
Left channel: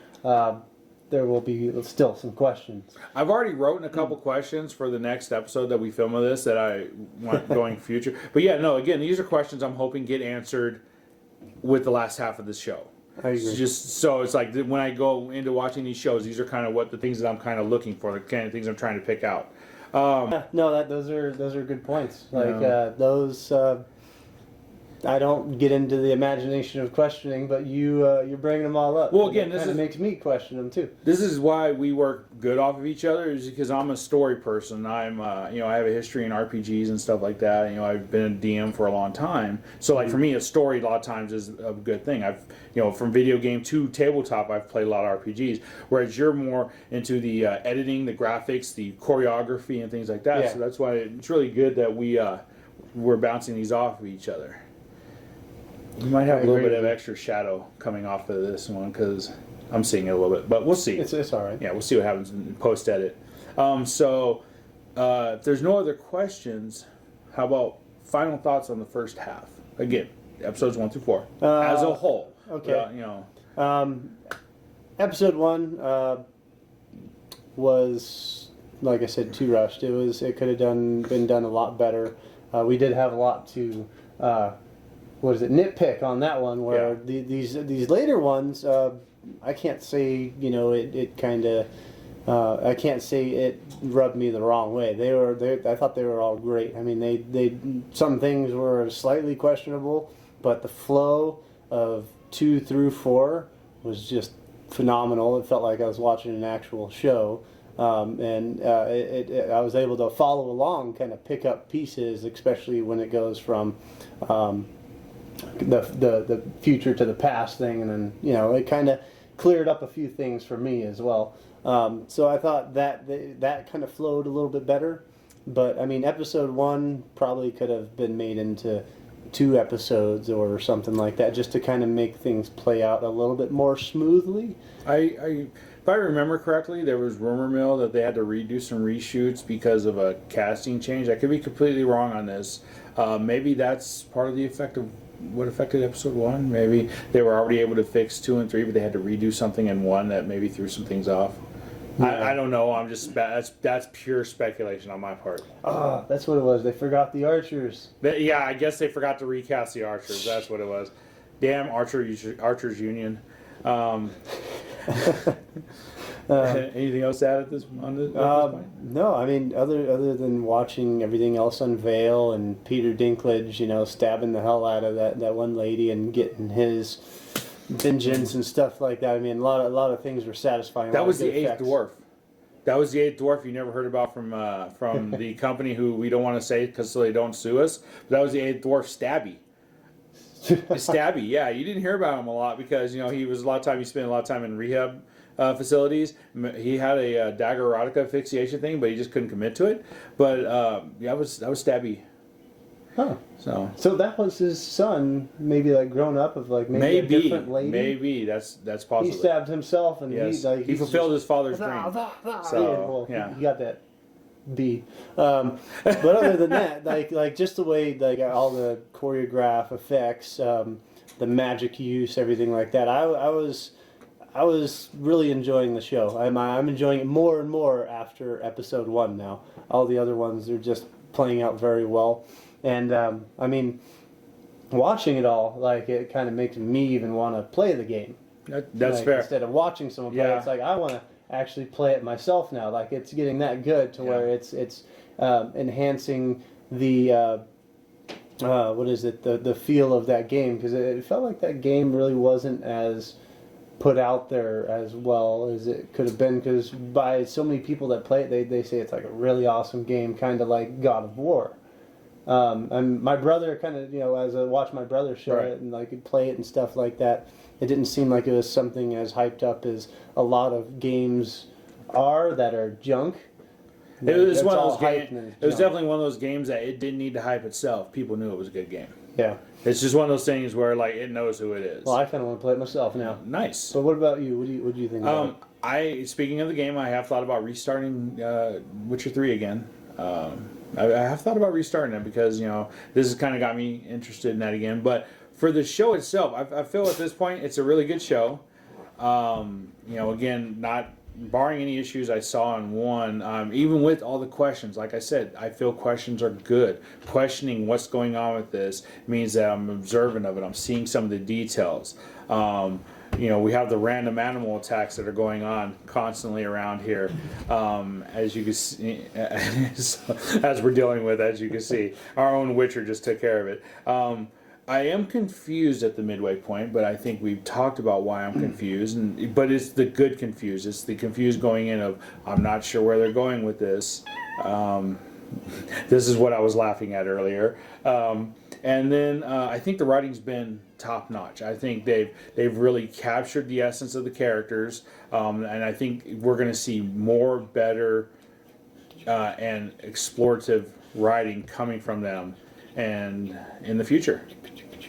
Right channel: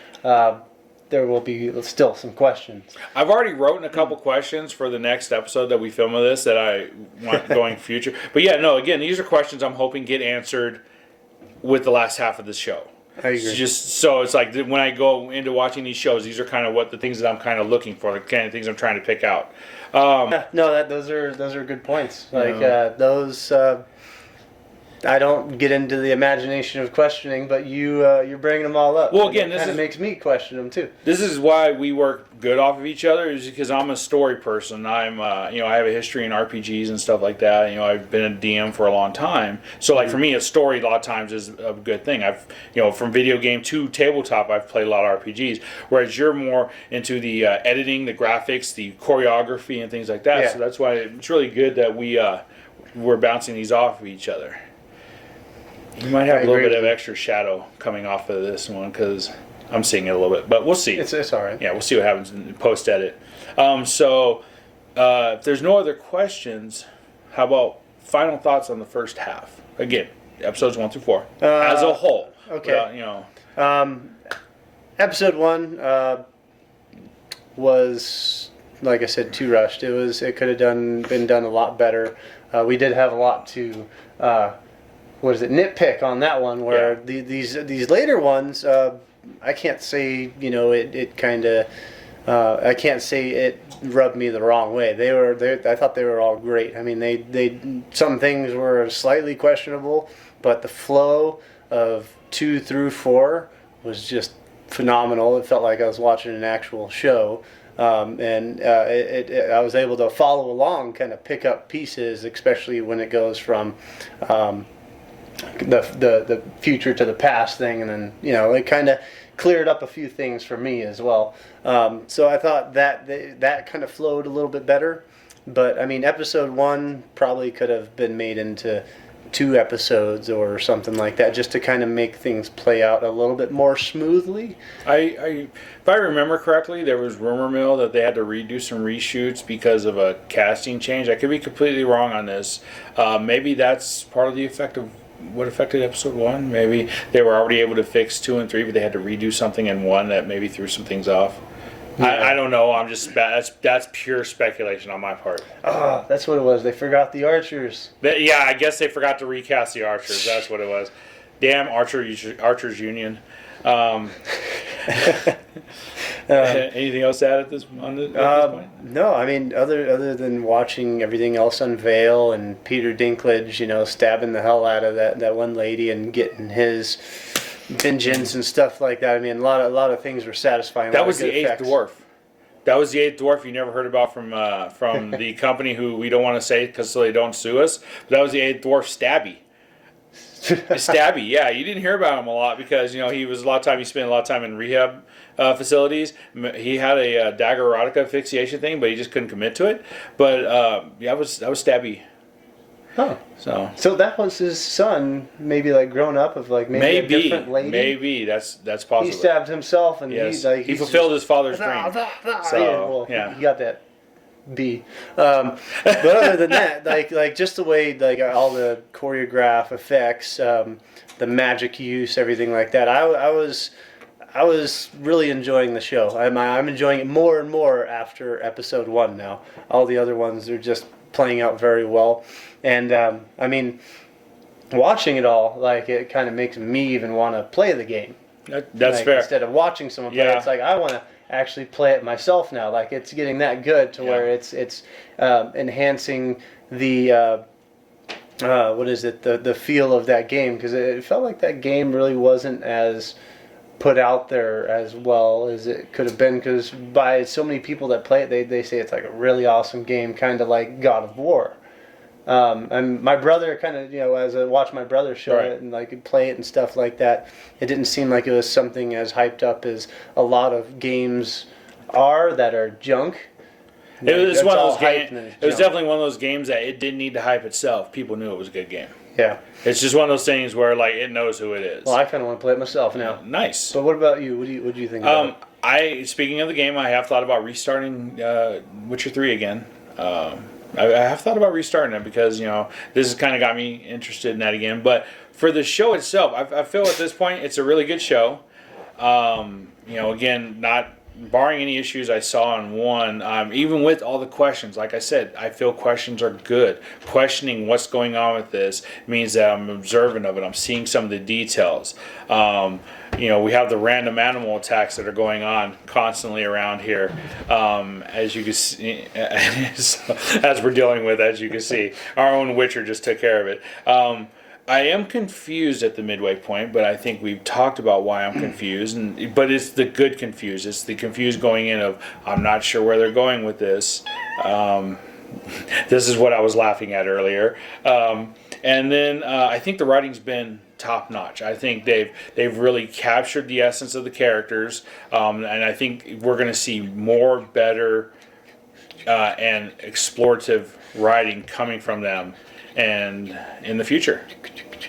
there will be still some questions. I've already written a couple questions for the next episode that we film of this that I want going future. But yeah, no, again, these are questions I'm hoping get answered with the last half of the show. I agree. So it's like when I go into watching these shows, these are kind of what the things that I'm kind of looking for, the kind of things I'm trying to pick out. Those are good points. Like those. I don't get into the imagination of questioning, but you're bringing them all up. Well, again, this kind of makes me question them too. This is why we work good off of each other, is because I'm a story person. I'm, I have a history in RPGs and stuff like that. I've been a DM for a long time, so like for me, a story a lot of times is a good thing. I've, from video game to tabletop, I've played a lot of RPGs. Whereas you're more into the editing, the graphics, the choreography, and things like that. Yeah. So that's why it's really good that we're bouncing these off of each other. You might have a little bit of extra shadow coming off of this one because I'm seeing it a little bit, but we'll see. It's all right. Yeah, we'll see what happens in post edit. If there's no other questions, how about final thoughts on the first half? Again, episodes 1 through 4 as a whole. Okay. Episode 1 was, like I said, too rushed. It could have been done a lot better. We did have a lot to. Nitpick on that one, where these later ones, I can't say, it kind of, I can't say it rubbed me the wrong way. I thought they were all great. I mean, some things were slightly questionable, but the flow of 2 through 4 was just phenomenal. It felt like I was watching an actual show. I was able to follow along, kind of pick up pieces, especially when it goes from, the future to the past thing, and then it kind of cleared up a few things for me as well. So I thought that kind of flowed a little bit better. But I mean, episode 1 probably could have been made into 2 episodes or something like that, just to kind of make things play out a little bit more smoothly. If I remember correctly, there was rumor mill that they had to redo some reshoots because of a casting change. I could be completely wrong on this. Maybe that's part of the effect of what affected episode 1. Maybe they were already able to fix 2 and 3, but they had to redo something in 1 that maybe threw some things off. I don't know. I'm just that's pure speculation on my part. That's what it was. They forgot the archers. I guess they forgot to recast the archers. That's what it was. Damn Archers Union. Anything else to add at this point? No, I mean, other than watching everything else unveil and Peter Dinklage, stabbing the hell out of that one lady and getting his vengeance and stuff like that. I mean, a lot of things were satisfying. That was the eighth dwarf. That was the eighth dwarf you never heard about from the company who we don't want to say because so they don't sue us. But that was the eighth dwarf, Stabby. Stabby, yeah, you didn't hear about him a lot because he spent a lot of time in rehab facilities. He had a dagger erotica asphyxiation thing, but he just couldn't commit to it. But that was Stabby. Huh. So that was his son, maybe like grown up of like maybe a different lady. Maybe that's possible. He stabbed himself and he fulfilled his father's dream. He got that B. But other than that, like just the way like all the choreograph effects, the magic use, everything like that. I was really enjoying the show. I'm enjoying it more and more after episode 1 now. All the other ones are just playing out very well. And I mean, watching it all, like it kind of makes me even want to play the game. That's fair. Instead of watching someone play, it's like I want to actually play it myself now. Like it's getting that good to where it's enhancing the the feel of that game, because it felt like that game really wasn't as put out there as well as it could have been, because by so many people that play it, they say it's like a really awesome game, kind of like God of War. And my brother kind of, as I watched my brother show it and like play it and stuff like that, it didn't seem like it was something as hyped up as a lot of games are that are junk. It was one of those games. It was definitely one of those games that it didn't need to hype itself. People knew it was a good game. Yeah. It's just one of those things where like it knows who it is. Well, I kind of want to play it myself now. Nice. But what about you? What do you think about it? Speaking of the game, I have thought about restarting Witcher 3 again. I have thought about restarting it because this has kind of got me interested in that again. But for the show itself, I feel at this point it's a really good show. Again, not barring any issues I saw in 1, even with all the questions. Like I said, I feel questions are good. Questioning what's going on with this means that I'm observant of it. I'm seeing some of the details. We have the random animal attacks that are going on constantly around here, as you can see, as we're dealing with, as you can see. Our own Witcher just took care of it. I am confused at the midway point, but I think we've talked about why I'm confused. But it's the good confused. It's the confused going in of, I'm not sure where they're going with this. This is what I was laughing at earlier. And then I think the writing's been top notch. I think they've really captured the essence of the characters, and I think we're going to see more, better, and explorative writing coming from them, and in the future.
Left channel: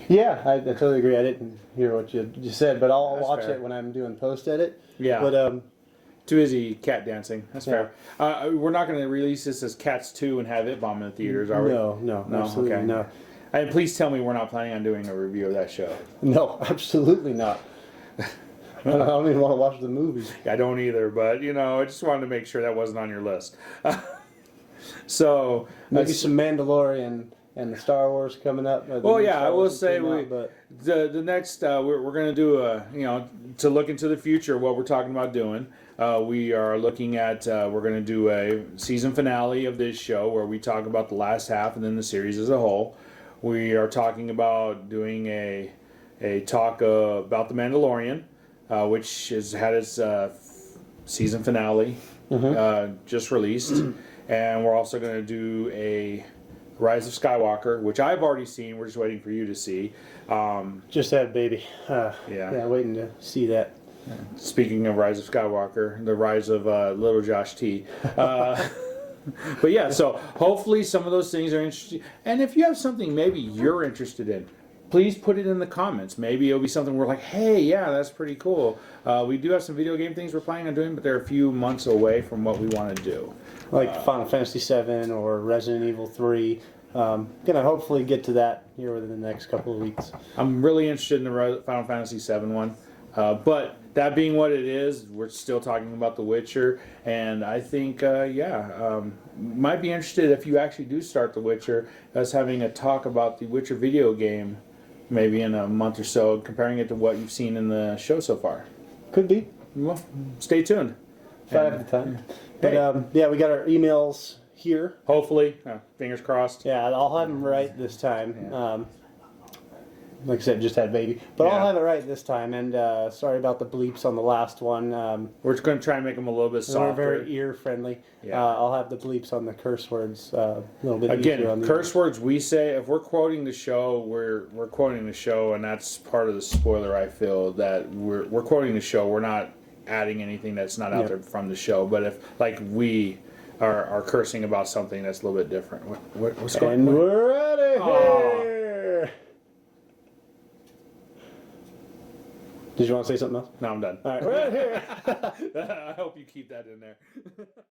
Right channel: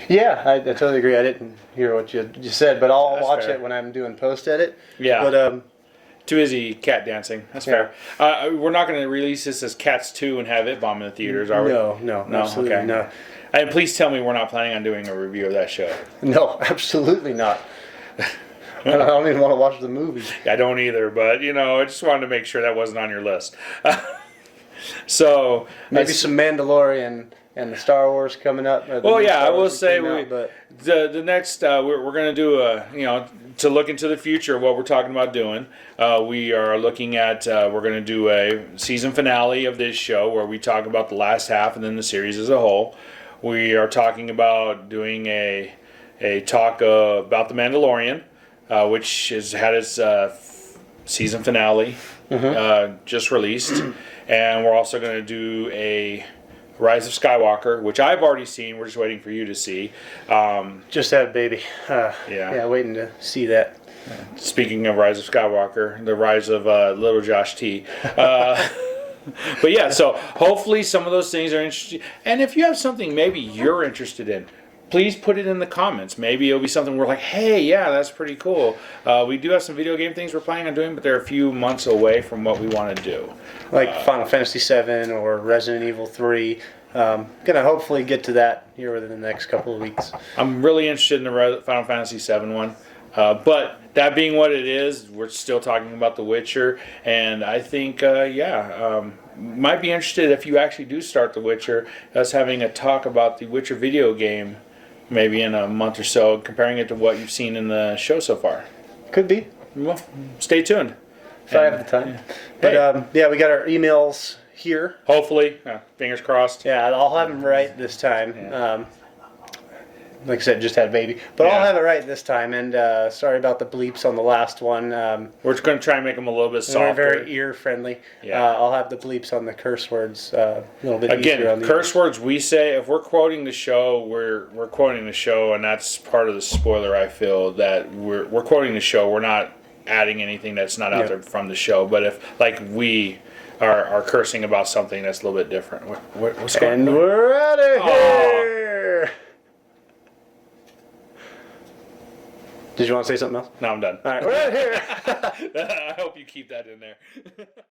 Yeah, I totally agree. I didn't hear what you just said, but I'll watch it when I'm doing post edit. Yeah. But too busy cat dancing. That's fair. We're not going to release this as Cats 2 and have it bomb in the theaters, are we? No, absolutely okay. not. And please tell me we're not planning on doing a review of that show. No, absolutely not. I don't even want to watch the movie. I don't either, but I just wanted to make sure that wasn't on your list. So maybe some Mandalorian and the Star Wars coming up. Well, yeah, I will say the next we're going to do to look into the future of what we're talking about doing. We are looking at we're going to do a season finale of this show where we talk about the last half and then the series as a whole. We are talking about doing a talk about the Mandalorian, which has had its season finale just released, and we're also going to do a Rise of Skywalker, which I've already seen. We're just waiting for you to see. Just had a baby. Yeah, waiting to see that. Speaking of Rise of Skywalker, the rise of little Josh T. But yeah, so hopefully some of those things are interesting. And if you have something maybe you're interested in, please put it in the comments. Maybe it'll be something we're like, hey, yeah, that's pretty cool. We do have some video game things we're planning on doing, but they're a few months away from what we want to do. Like Final Fantasy VII or Resident Evil 3. Gonna hopefully get to that here within the next couple of weeks. I'm really interested in the Final Fantasy VII one. But that being what it is, we're still talking about The Witcher, and I think, might be interested if you actually do start The Witcher, us having a talk about the Witcher video game maybe in a month or so, comparing it to what you've seen in the show so far. Could be. Well, stay tuned. if I have the time. But yeah, we got our emails here. Hopefully, fingers crossed. Yeah, I'll have them right this time. Yeah. Like I said, just had a baby. But I'll Yeah. have it right this time. And sorry about the bleeps on the last one. We're just going to try and make them a little bit They're softer. very ear friendly. Yeah. I'll have the bleeps on the curse words a little bit easier on Again, the curse words we say, if we're quoting the show, we're quoting the show, and that's part of the spoiler, I feel, that we're quoting the show. We're not adding anything that's not out there from the show. But if, like, we are cursing about something that's a little bit different. What's going on? And we're out of here. Did you want to say something else? No, I'm done. All right, we're out of here. I hope you keep that in there.